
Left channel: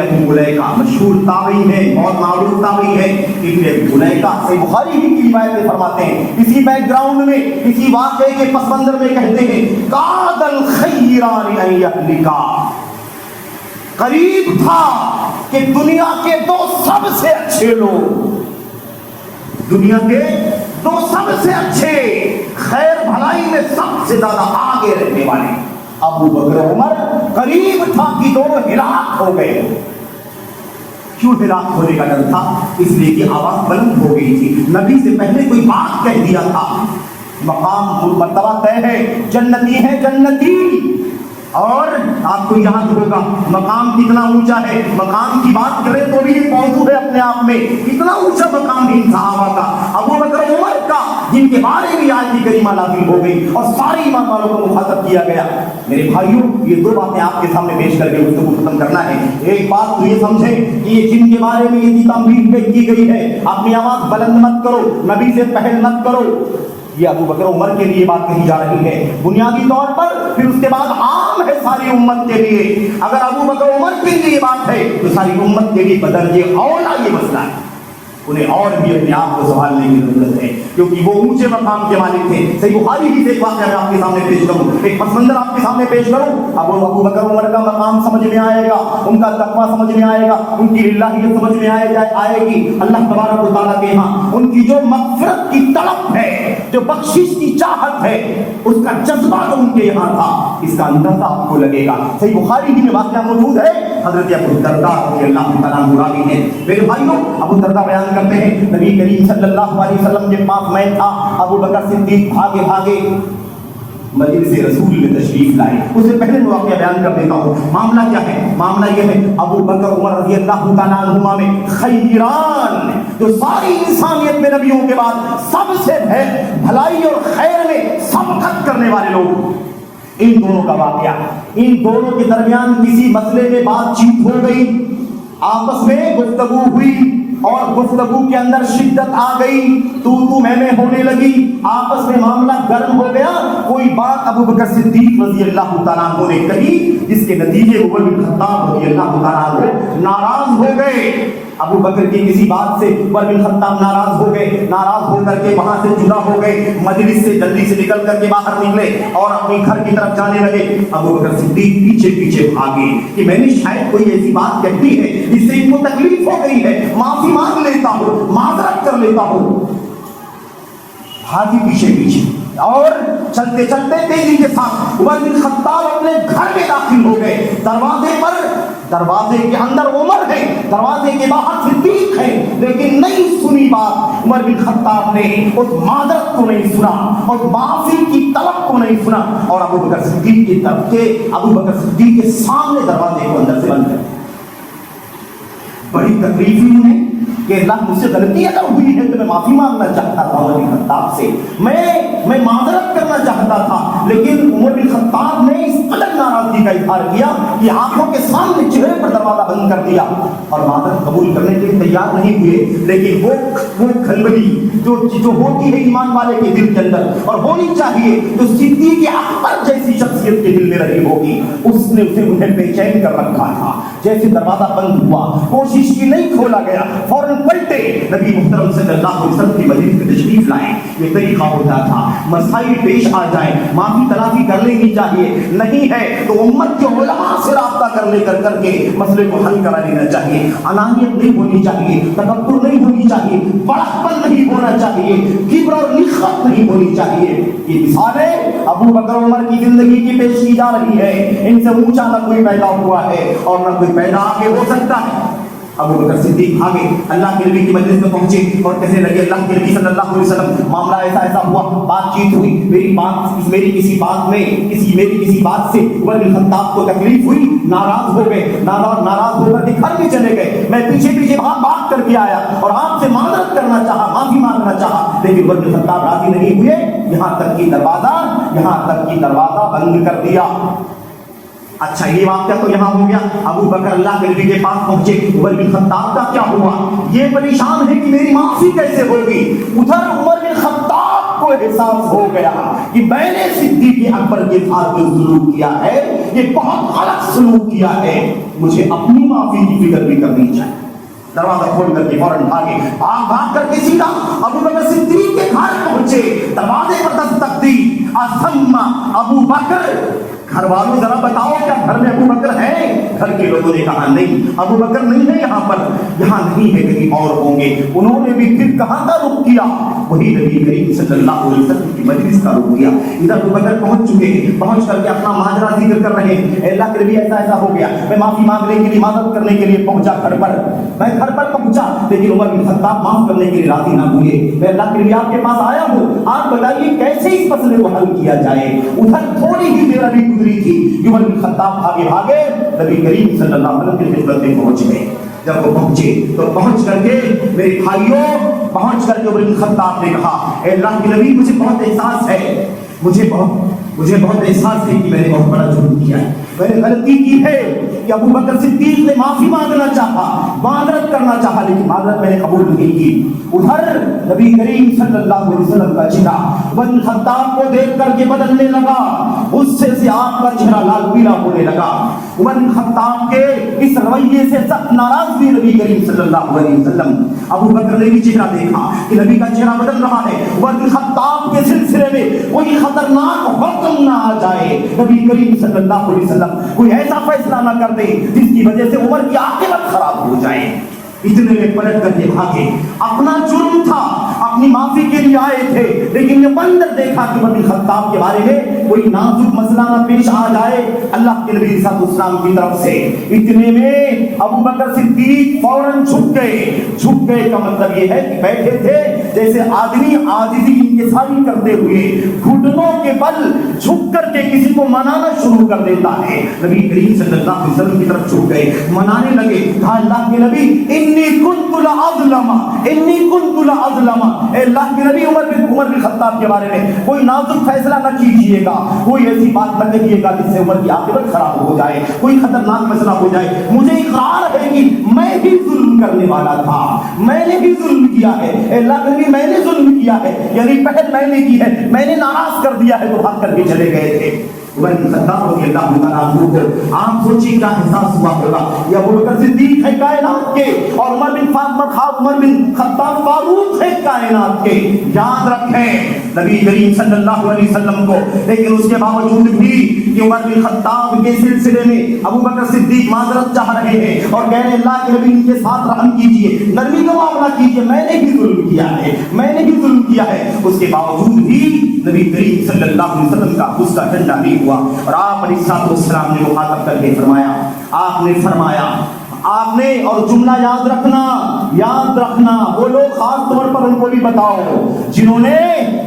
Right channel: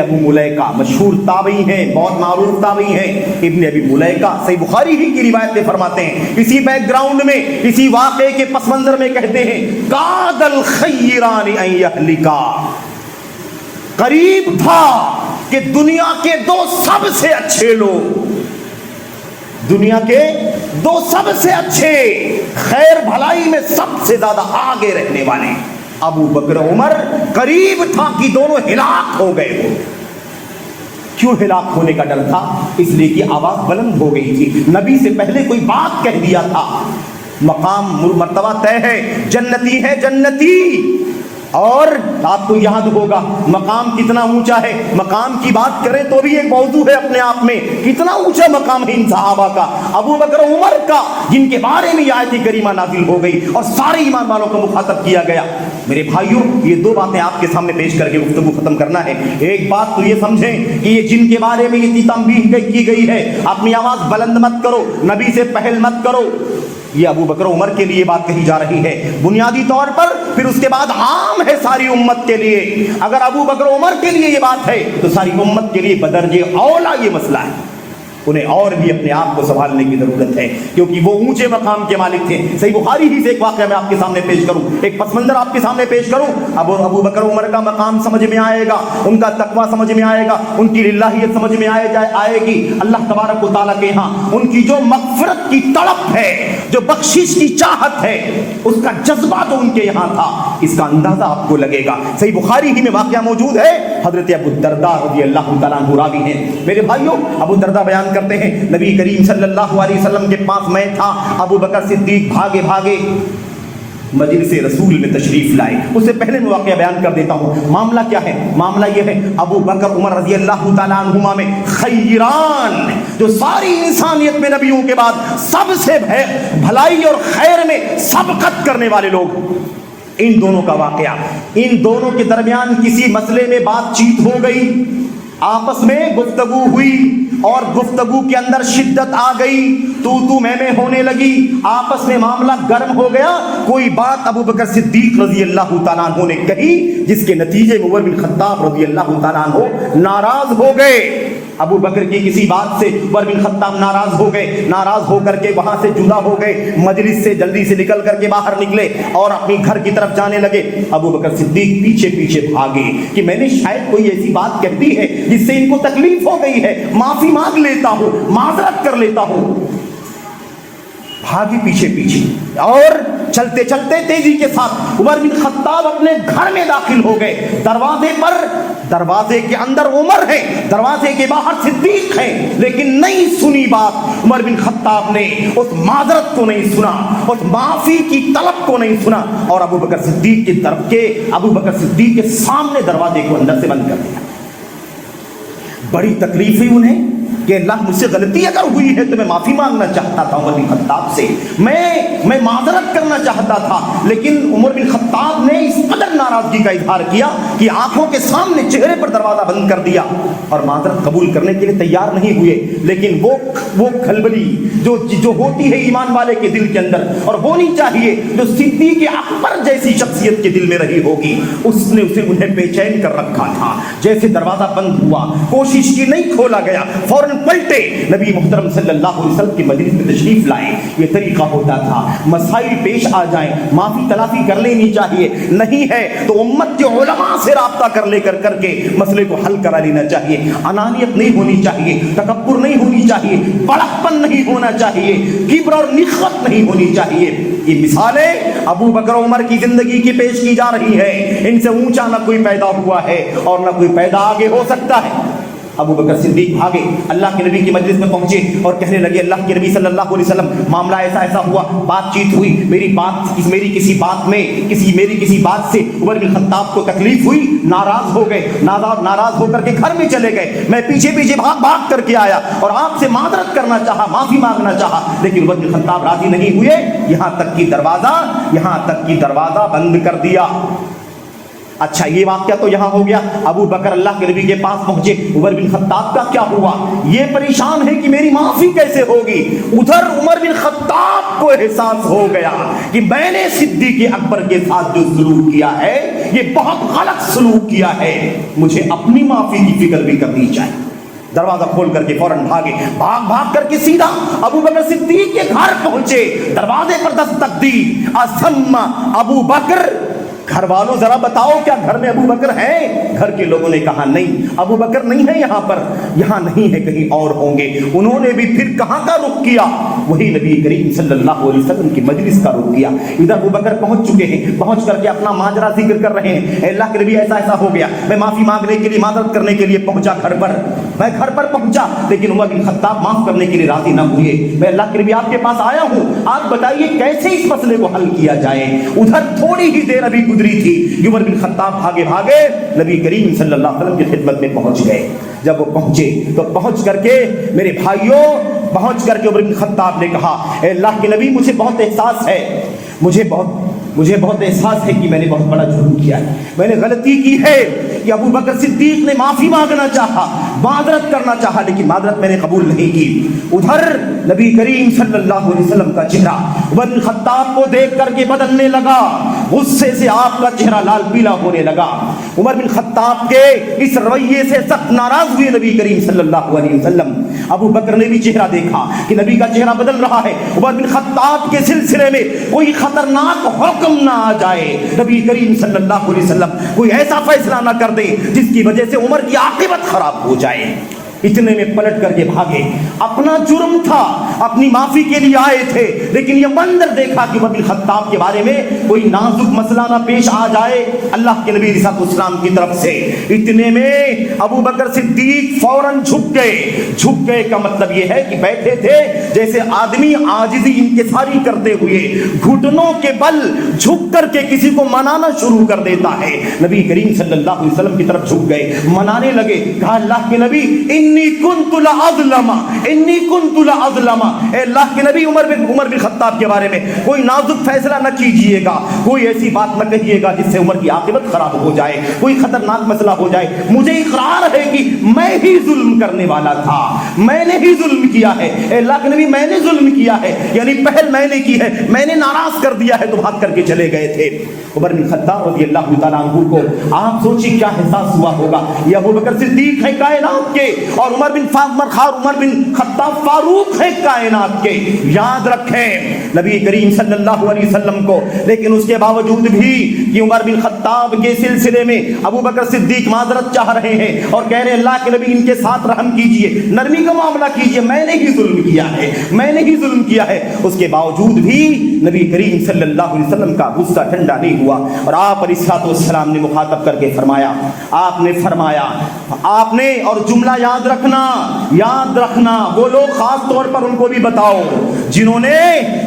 ابو ملیکہ مشہور تابعی ہیں, بہت معروف تابعی ہیں. ابن ابی ملیکہ صحیح بخاری ہی کی روایت میں فرماتے ہیں, اسی بیک گراؤنڈ میں, اسی واقعے کے پس منظر میں کہتے ہیں, کاد الخیران ان یہلکا, قریب تھا کہ دنیا کے دو سب سے اچھے لوگ, دنیا کے دو سب سے اچھے, خیر بھلائی میں سب سے زیادہ آگے رہنے والے ابو بکر عمر, قریب تھا کہ دونوں ہلاک ہو گئے. کیوں ہلاک ہونے کا ڈر تھا؟ اس لیے کہ آواز بلند ہو گئی تھی, نبی سے پہلے کوئی بات کہہ دیا تھا. مقام مرتبہ طے ہے, جنتی ہے جنتی. اور آپ کو یاد ہوگا مقام کتنا اونچا ہے, مقام کی بات کریں تو بھی ایک موضوع ہے اپنے آپ میں, کتنا اونچا مقام ہے ان صحابہ کا, ابو بکر عمر کا, جن کے بارے میں آیت کریمہ نازل ہو گئی اور سارے ایمان والوں کو مخاطب کیا گیا. میرے بھائیوں, یہ دو باتیں آپ کے سامنے پیش کر کے گفتگو ختم کرنا ہے. ایک بات تو یہ سمجھیں کہ یہ جن کے بارے میں یہ تنبیہ کی گئی ہے, اپنی آواز بلند مت کرو, نبی سے پہل مت کرو, یہ ابو بکر عمر کے لیے بات کہی جا رہی ہے بنیادی طور پر, پھر اس کے بعد عام ہے ساری امت کے لیے. اگر ابو بکر عمر کے لیے یہ بات ہے تو ساری امت کے لیے بدرجے اولا یہ مسئلہ ہے. انہیں اور بھی اپنے آپ کو سنبھالنے کی ضرورت ہے, کیونکہ وہ اونچے مقام کے مالک تھے. صحیح بخاری ہی سے ایک واقعہ میں آپ کے سامنے پیش کروں, ایک پس منظر آپ کے سامنے پیش کروں. اب ابو بکر عمر کا مقام سمجھ میں آئے گا, ان کا تقویٰ سمجھ میں آئے گا, ان کی للہیت سمجھ میں آئے گی. اللہ تبارک و تعالیٰ کے ہاں ان کی جو مغفرت کی تڑپ ہے, جو بخشش کی چاہت ہے, اس کا جذبہ جو ان کے یہاں تھا, اس کا اندازہ آپ کو لگے گا. صحیح بخاری ہی میں واقعہ موجود ہے, حضرت ابو الدرداء رضی اللہ تعالیٰ عنہ راوی ہیں. میرے بھائیوں, ابو الدرداء بیان کرتے ہیں نبی کریم صلی اللہ علیہ وسلم کے پاس میں تھا, ابو بکر صدیق بھاگے بھاگے مجلس رسول میں تشریف لائے. اس سے پہلے میں واقعہ بیان کر دیتا ہوں. معاملہ کیا ہے؟ معاملہ یہ ہے, ابو بکر عمر رضی اللہ تعالیٰ عنہما میں خیران, جو ساری انسانیت میں نبیوں کے بعد سب سے بھلائی اور خیر میں سبقت کرنے والے لوگ, ان دونوں کا واقعہ, ان دونوں کے درمیان کسی مسئلے میں بات چیت ہو گئی, آپس میں گفتگو ہوئی اور گفتگو کے اندر شدت آ گئی, تو میں ہونے لگی, آپس میں معاملہ گرم ہو گیا. کوئی بات ابو بکر صدیق رضی اللہ تعالیٰ عنہ نے کہی, جس کے نتیجے عمر بن خطاب رضی اللہ تعالیٰ عنہ ناراض ہو گئے. ابو بکر کی کسی بات سے عمر بن خطاب ناراض ہو گئے, ناراض ہو کر کے وہاں سے جدا ہو گئے, مجلس سے جلدی سے نکل کر کے باہر نکلے اور اپنی گھر کی طرف جانے لگے. ابو بکر صدیق پیچھے پیچھے بھاگے کہ میں نے شاید کوئی ایسی بات کہہ دی ہے جس سے ان کو تکلیف ہو گئی ہے, معافی مانگ لیتا ہوں, معذرت کر لیتا ہوں. بھاگے پیچھے پیچھے اور چلتے چلتے تیزی کے ساتھ عمر بن خطاب اپنے گھر میں داخل ہو گئے. دروازے کے اندر عمر ہے, دروازے کے باہر صدیق ہے, لیکن نہیں سنی بات. عمر بن خطاب نے اس معذرت کو نہیں سنا, اس معافی کی طلب کو نہیں سنا, اور ابو بکر صدیق کی طرف کے ابو بکر صدیق کے سامنے دروازے کو اندر سے بند کر دیا. بڑی تکلیف ہوئی انہیں کہ اللہ مجھ سے غلطی اگر ہوئی ہے تو میں معافی مانگنا چاہتا تھا عمر بن خطاب سے، میں معذرت کرنا چاہتا تھا، لیکن عمر بن خطاب نے اس قدر ناراضگی کا اظہار کیا کہ آنکھوں کے سامنے چہرے پر دروازہ بند کر دیا اور معذرت قبول کرنے کے لیے تیار نہیں ہوئے۔ لیکن وہ کھلبلی جو ہوتی ہے ایمان والے کے دل کے اندر اور ہونی چاہیے، جو صدیق اکبر جیسی شخصیت کے دل میں رہی ہوگی، اس نے اسے انہیں بے چین کر رکھا تھا۔ جیسے دروازہ بند ہوا، کوشش کی نہیں کھولا گیا، فوراً پلٹے نبی محترم صلی اللہ علیہ وسلم کی مجلس میں تشریف لائے۔ یہ طریقہ ہوتا تھا، مسائل پیش آ جائیں معافی تلافی کر لینی چاہیے، نہیں ہے تو امت کے علماء سے رابطہ کر کے مسئلے کو حل کرا لینا چاہیے۔ انانیت نہیں ہونی چاہیے، تکبر نہیں ہونی چاہیے، بڑکپن نہیں ہونا چاہیے، کبر اور نخوت نہیں ہونی چاہیے۔ یہ مثالیں ابو بکر عمر کی زندگی کی پیش کی جا رہی ہے۔ ان سے اونچا نہ کوئی پیدا ہوا ہے اور نہ کوئی پیدا آگے ہو سکتا ہے۔ ابو بکر صدیق بھاگے، اللہ کے نبی کی مجلس میں پہنچے اور کہنے لگے اللہ کے نبی صلی اللہ علیہ وسلم معاملہ ایسا ہوا، بات چیت ہوئی، میری کسی بات سے عمر بن خطاب کو تکلیف ہوئی، ناراض ہو گئے، ناراض ہو کر کے گھر میں چلے گئے۔ میں پیچھے بھاگ کر کے آیا اور آپ سے معذرت کرنا چاہا، معافی مانگنا چاہا، لیکن عمر بن خطاب راضی نہیں ہوئے، یہاں تک کہ دروازہ بند کر دیا۔ اچھا یہ واقعہ تو یہاں ہو گیا۔ ابو بکر اللہ کے نبی کے پاس پہنچے، عمر بن خطاب کا کیا ہوا؟ یہ پریشان ہے کہ میری معافی کیسے ہوگی۔ ادھر عمر بن خطاب کو احساس ہو گیا کہ میں نے صدیق اکبر کے ساتھ جو سلوک کیا ہے یہ بہت غلط سلوک کیا ہے، مجھے اپنی معافی کی فکر بھی کرنی چاہیے۔ دروازہ کھول کر کے فوراً بھاگ کر کے سیدھا ابو بکر صدیق کے گھر پہنچے، دروازے پر دستک دی۔ اسم ابو بکر، گھر والوں ذرا بتاؤ کیا گھر میں ابو بکر ہیں؟ گھر کے لوگوں نے کہا نہیں، ابو بکر نہیں ہے یہاں پر، یہاں نہیں ہے، کہیں اور ہوں گے۔ انہوں نے بھی پھر کہاں کا رخ کیا؟ وہی نبی کریم صلی اللہ علیہ وسلم کی مجلس کا رخ کیا۔ ادھر ابو بکر پہنچ چکے ہیں، پہنچ کر کے اپنا ماجرا ذکر کر رہے ہیں، اے اللہ کے نبی ایسا ہو گیا، میں معافی مانگنے کے لیے، معذرت کرنے کے لیے پہنچا میں گھر پر پہنچا، لیکن عمر بن خطاب معاف کرنے کے لیے راضی نہ ہوئے۔ میں اللہ کے نبی آپ کے پاس آیا ہوں، آپ بتائیے کیسے اس مسئلے کو حل کیا جائے۔ ادھر تھوڑی ہی دیر ابھی گزری تھی، عمر بن خطاب بھاگے نبی کریم صلی اللہ علیہ وسلم کی خدمت میں پہنچ گئے۔ جب وہ پہنچے تو پہنچ کر کے میرے بھائیوں، پہنچ کر کے عمر بن خطاب نے کہا اے اللہ کے نبی مجھے بہت احساس ہے، مجھے بہت احساس ہے کہ میں نے بہت بڑا جرم کیا ہے، میں نے غلطی کی ہے کہ ابو بکر صدیق نے معافی مانگنا چاہا، معذرت کرنا چاہا، لیکن معذرت میں نے قبول نہیں کی۔ ادھر نبی کریم صلی اللہ علیہ وسلم کا چہرہ عمر بن خطاب کو دیکھ کر کے بدلنے لگا، غصے سے آپ کا چہرہ لال پیلا ہونے لگا۔ عمر بن خطاب کے اس رویے سے سخت ناراض ہوئے نبی کریم صلی اللہ علیہ وسلم۔ ابو بکر نے بھی چہرہ دیکھا کہ نبی کا چہرہ بدل رہا ہے، عمر بن خطاب کے سلسلے میں کوئی خطرناک حکم نہ آ جائے، نبی کریم صلی اللہ علیہ وسلم کوئی ایسا فیصلہ نہ کر دے جس کی وجہ سے عمر کی عاقبت خراب ہو جائے۔ اتنے میں پلٹ کر کے بھاگے، اپنا جرم تھا، اپنی معافی کے لیے آئے تھے، لیکن یہ منظر دیکھا کہ عمر بن خطاب کے بارے میں کوئی نازک مسئلہ نہ پیش آ جائے اللہ کے نبی علیہ السلام کی طرف سے۔ اتنے میں ابو بکر صدیق فوراً جھک گئے کا مطلب یہ ہے کہ بیٹھے تھے جیسے آدمی عاجزی انکساری کرتے ہوئے گھٹنوں کے بل جھک کر کے کسی کو منانا شروع کر دیتا ہے۔ نبی کریم صلی اللہ علیہ وسلم کی طرف جھک گئے، منانے لگے، کہا اللہ کے نبی انی کنت لاظلم، اے اللہ کے نبی عمر بن خطاب کے بارے میں کوئی نازک فیصلہ نہ کیجئے گا، کوئی ایسی بات نہ کہیے گا جس سے عمر کی عاقبت خراب ہو جائے، کوئی خطرناک مسئلہ ہو جائے۔ مجھے اقرار ہے کہ میں ہی ظلم کرنے والا تھا، میں نے ہی ظلم کیا ہے، اے اللہ کے نبی میں نے ظلم کیا ہے، یعنی پہل میں نے کی ہے، میں نے ناراض کر دیا ہے، تو بھاگ کر کے چلے گئے تھے۔ عمر بن خطاب رضی اللہ تعالیٰ عنہ کو آپ سوچیں کیا احساس ہوا ہوگا، یہ ابو بکر صدیق ہے کائنات کے اور عمر بن خطاب فاروق ہے کائنات کے، یاد رکھیں نبی کریم صلی اللہ علیہ وسلم کو۔ لیکن اس کے باوجود بھی کہ عمر بن خطاب کے سلسلے میں ابو بکر صدیق معذرت چاہ رہے ہیں اور کہہ رہے ہیں اللہ کے نبی ان کے ساتھ رحم کیجئے، نرمی کا معاملہ کیجئے، میں نے ہی ظلم کیا ہے، اس کے باوجود بھی نبی کریم صلی اللہ علیہ وسلم کا غصہ ٹھنڈا نہیں ہوا اور آپ علیہ السلام نے مخاطب کر کے فرمایا، آپ نے اور جملہ یاد رکھنا وہ لوگ خاص طور پر ان کو بھی بتاؤ جنہوں نے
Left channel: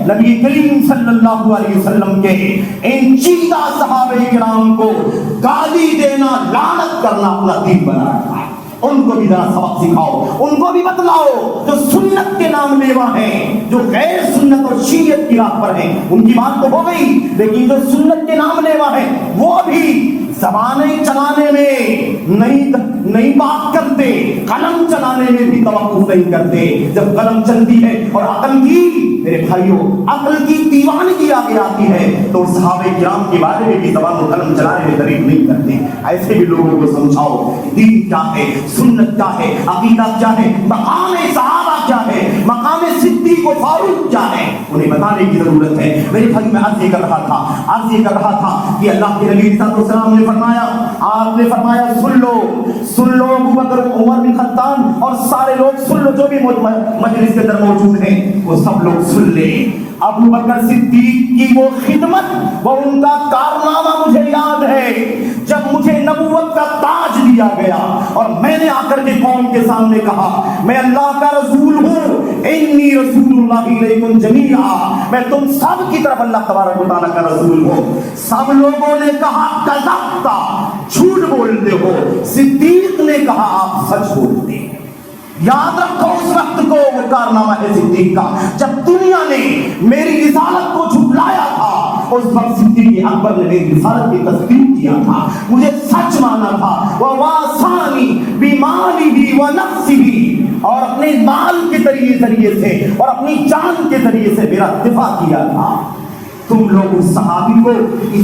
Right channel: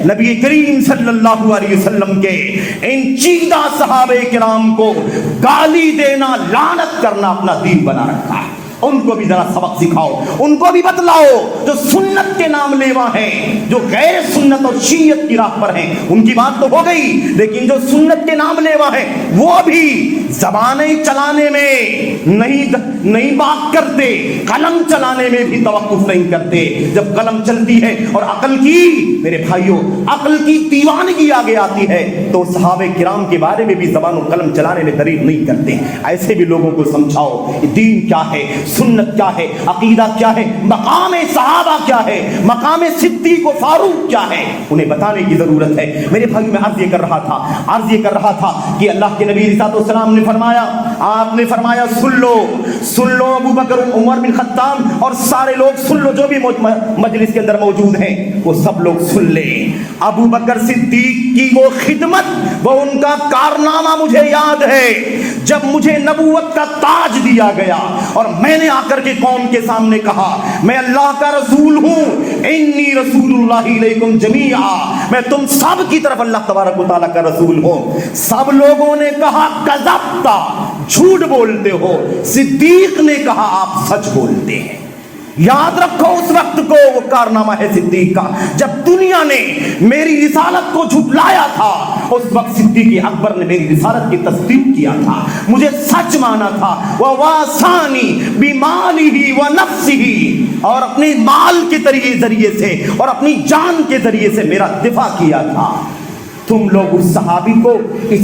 نبی کریم صلی اللہ علیہ وسلم کے ان چیدہ صحابہ کرام کو گالی دینا، لعنت کرنا اپنا دین بنا رکھا ہے۔ ان کو بھی ذرا سبق سکھاؤ، ان کو بھی بتلاؤ جو سنت کے نام لیوا ہیں، جو غیر سنت اور شیعت کی راہ پر ہیں، ان کی بات تو ہو گئی، لیکن جو سنت کے نام لیوا ہیں وہ بھی زبانیں چلانے میں نہیں بات کرتے، قلم چلانے میں بھی توقف نہیں کرتے۔ جب قلم چلتی ہے اور عقل کی، میرے بھائیوں، عقل کی دیوانگی آگے آتی ہے تو صحابہ کرام کے بارے میں بھی زبان و قلم چلانے میں تعریف نہیں کرتے۔ ایسے بھی لوگوں کو سمجھاؤ کہ دین کیا ہے، سنت کیا ہے، عقیدہ کیا ہے، مقام صحابہ کیا ہے، مقام صدیق و فاروق کیا ہے، انہیں بتانے کی ضرورت ہے۔ میرے بھائی میں عرض یہ کر رہا تھا کہ اللہ کے نبی صلی اللہ علیہ وسلم نے فرمایا، آپ نے فرمایا سن لو ابو بکر عمر بن خطاب اور سارے لوگ سن لو، جو بھی مجلس کے اندر موجود ہیں وہ سب لوگ سن لیں۔ ابو بکر صدیق کی وہ خدمت، وہ ان کا کارنامہ مجھے یاد ہے، جب مجھے نبوت کا تاج دیا گیا اور میں نے آ کر کے قوم کے سامنے کہا میں اللہ کا رسول ہوں، انی رسول اللہ علیکم جمیعا، میں تم سب کی طرف اللہ تبارک و تعالیٰ کا رسول ہوں۔ سب لوگوں نے کہا کذبتا، جھوٹ بولتے ہو۔ صدیق نے کہا آپ سچ بولتے ہیں۔ یاد رکھو اس وقت کو، وہ کارنامہ ہے صدیق کا، جب دنیا نے میری رسالت کو جھٹلایا تھا، اس وقت صدیق اکبر نے میری رسالت کی تصدیق کیا تھا، مجھے سچ مانا تھا۔ وَوَاسَانِي بِمَالِهِ وَنَفْسِهِ، اور اپنے مال کے ذریعے سے اور اپنی جان کے ذریعے سے میرا دفاع کیا تھا۔ تم لوگ اس صحابی کو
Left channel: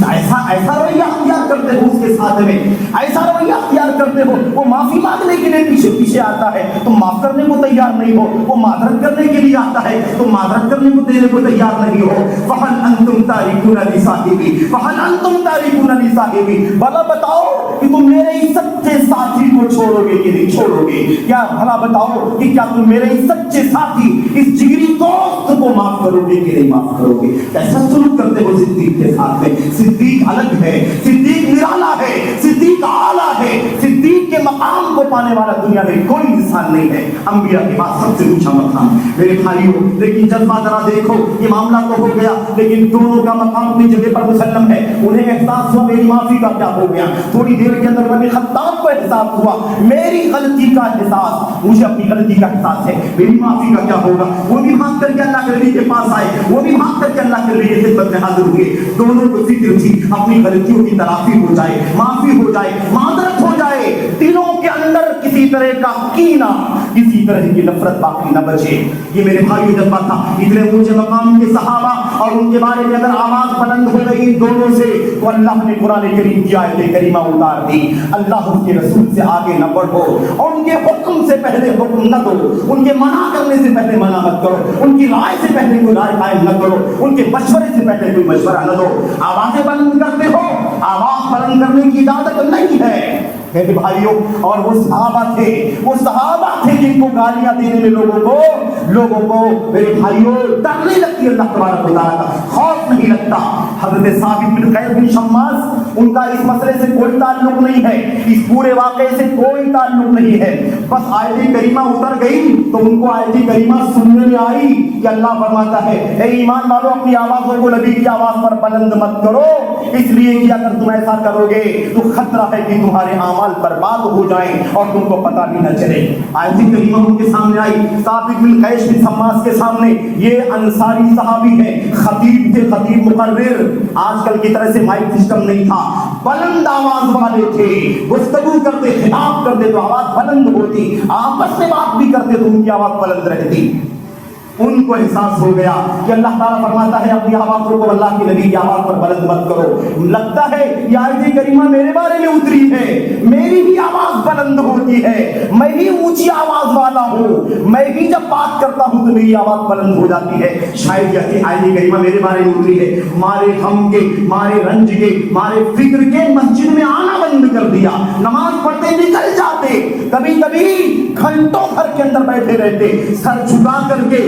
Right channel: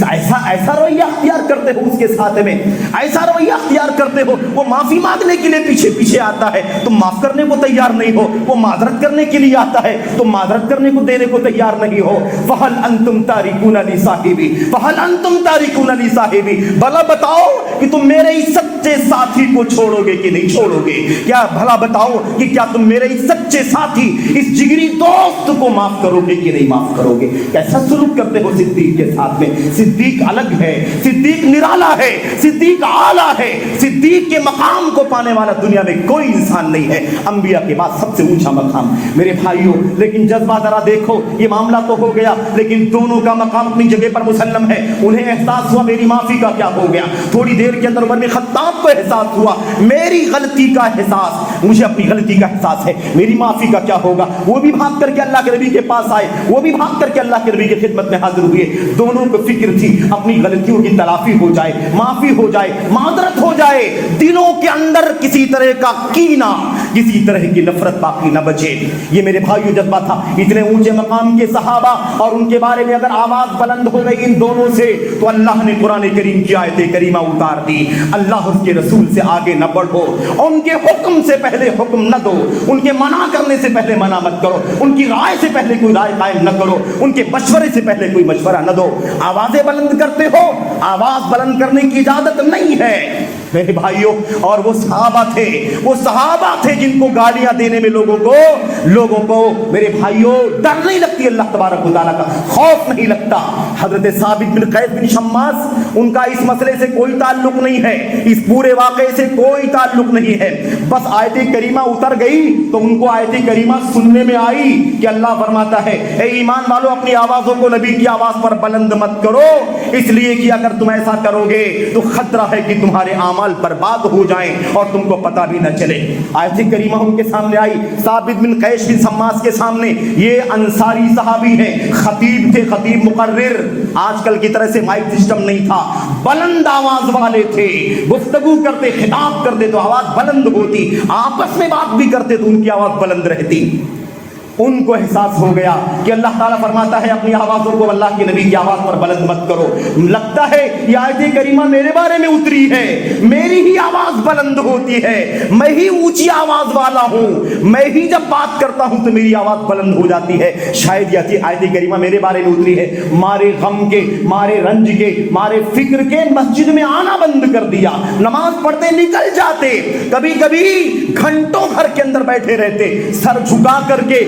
ایسا رویہ اختیار کرتے ہو، اس کے ساتھ میں ایسا رویہ اختیار کرتے ہو، وہ معافی مانگنے کے لیے پیچھے آتا ہے، تم معاف کرنے کو تیار نہیں ہو، وہ معذرت کرنے کے لیے آتا ہے، تم معذرت کرنے کو دینے کو تیار نہیں ہو۔ فَهَلْ أَنْتُمْ تَارِكُونَ لِصَاحِبِي فَهَلْ أَنْتُمْ تَارِكُونَ لِصَاحِبِي، بھلا بتاؤ کہ تم میرے اس سچے ساتھی کو چھوڑو گے کہ نہیں چھوڑو گے؟ کیا بھلا بتاؤ کہ کیا تم میرے اس سچے ساتھی، اس جگری دوست کو معاف کرو گے کہ نہیں معاف کرو گے؟ کیسا سلوک کرتے ہو صدیق کے ساتھ میں؟ صدیق الگ ہے، صدیق نرالا ہے، صدیق اعلیٰ ہے، صدیق کے مقام کو پانے والا دنیا میں کوئی انسان نہیں ہے، انبیاء کے بعد سب سے اونچا مقام۔ میرے بھائیوں، لیکن جذبہ ذرا دیکھو، یہ معاملہ تو ہو گیا، لیکن دونوں کا مقام اپنی جگہ پر مسلم ہے۔ انہیں احساس ہوا میری معافی کا کیا ہو گیا، تھوڑی دیر کے اندر عمر بن خطاب کو احساس ہوا میری غلطی کا احساس، مجھے اپنی غلطی کا احساس ہے، میری معافی کا کیا ہوگا۔ وہ بھی بھاگ کر کے اللہ کے نبی کے پاس آئے، وہ بھی بھاگ کر کے اللہ کے نبی کی خدمت میں حاضر ہوئے۔ دونوں کو فکر تھی اپنی غلطیوں کی تلافی ہو جائے، معافی ہو جائے، معذرت ہو جائے، دلوں کے اندر کسی طرح کا کینہ، کسی طرح کی نفرت باقی نہ بچے۔ یہ میرے بھائیوں جذبہ تھا۔ اتنے اونچے مقام کے صحابہ اور ان کے بارے میں اگر آواز بلند ہو گئی ان دونوں سے تو اللہ نے قرآن کریم کی آیت کریمہ اتار دی، اللہ اس کے رسول سے آگے نہ بڑھو، ان کے حکم سے پہلے حکم نہ دو، ان کے منع کرنے سے پہلے منع مت کرو، ان کی رائے سے پہلے کوئی رائے قائم نہ کرو، ان کے مشورے سے پہلے کوئی مشورہ نہ دو۔ آوازیں بلند کرتے ہو، آواز بلند کرنے کی اجازت نہیں ہے میرے بھائیوں۔ اور وہ صحابہ تھے جن کو گالیاں دینے میں لوگوں کو میرے بھائیوں ڈر نہیں لگتی، اللہ تبارک و تعالیٰ کا خوف نہیں لگتا۔ حضرت ثابت بن قیس بن شماس، ان کا اس مسئلے سے کوئی تعلق نہیں ہے، اس پورے واقعے سے کوئی تعلق نہیں ہے، بس آیت کریمہ اتر گئی تو ان کو آیت کریمہ سننے میں آئی کہ اللہ فرماتا ہے اے ایمان والو اپنی آوازوں کو نبی کی آواز پر بلند مت کرو، اس لیے کہ اگر تم ایسا کرو گے تو خطرہ ہے کہ تمہارے اعمال برباد ہو جائیں اور تم کو پتہ بھی نہ چلے۔ آیت کریمہ ان کے سامنے آئی، ثابت بن قیس بن شماس کے سامنے، یہ انصاری صحابی ہیں، خطیب تھے، خطیب مقرر، آج کل کی طرح سے مائک سسٹم نہیں تھا، بلند آواز والے تھے، گفتگو کرتے، خطاب کرتے تو آواز بلند ہوتی، آپس میں بات بھی کرتے تو ان کی آواز بلند رہتی۔ ان کو احساس ہو گیا کہ اللہ تعالیٰ فرماتا ہے اپنی آوازوں کو اللہ کے نبی کی آواز پر بلند مت کرو۔ لگتا ہے یہ آیت کریمہ میرے بارے میں اتری ہے، میری ہی آواز بلند ہوتی ہے، میں ہی اونچی آواز والا ہوں، میں ہی جب بات کرتا ہوں تو میری آواز بلند ہو جاتی ہے، شاید یہ آیت کریمہ میرے بارے میں اتری ہے۔ مارے غم کے، مارے رنج کے، مارے فکر کے مسجد میں آنا بند کر دیا، نماز پڑھتے نکل جاتے، کبھی کبھی گھنٹوں گھر کے اندر بیٹھے رہتے، سر جھکا کر کے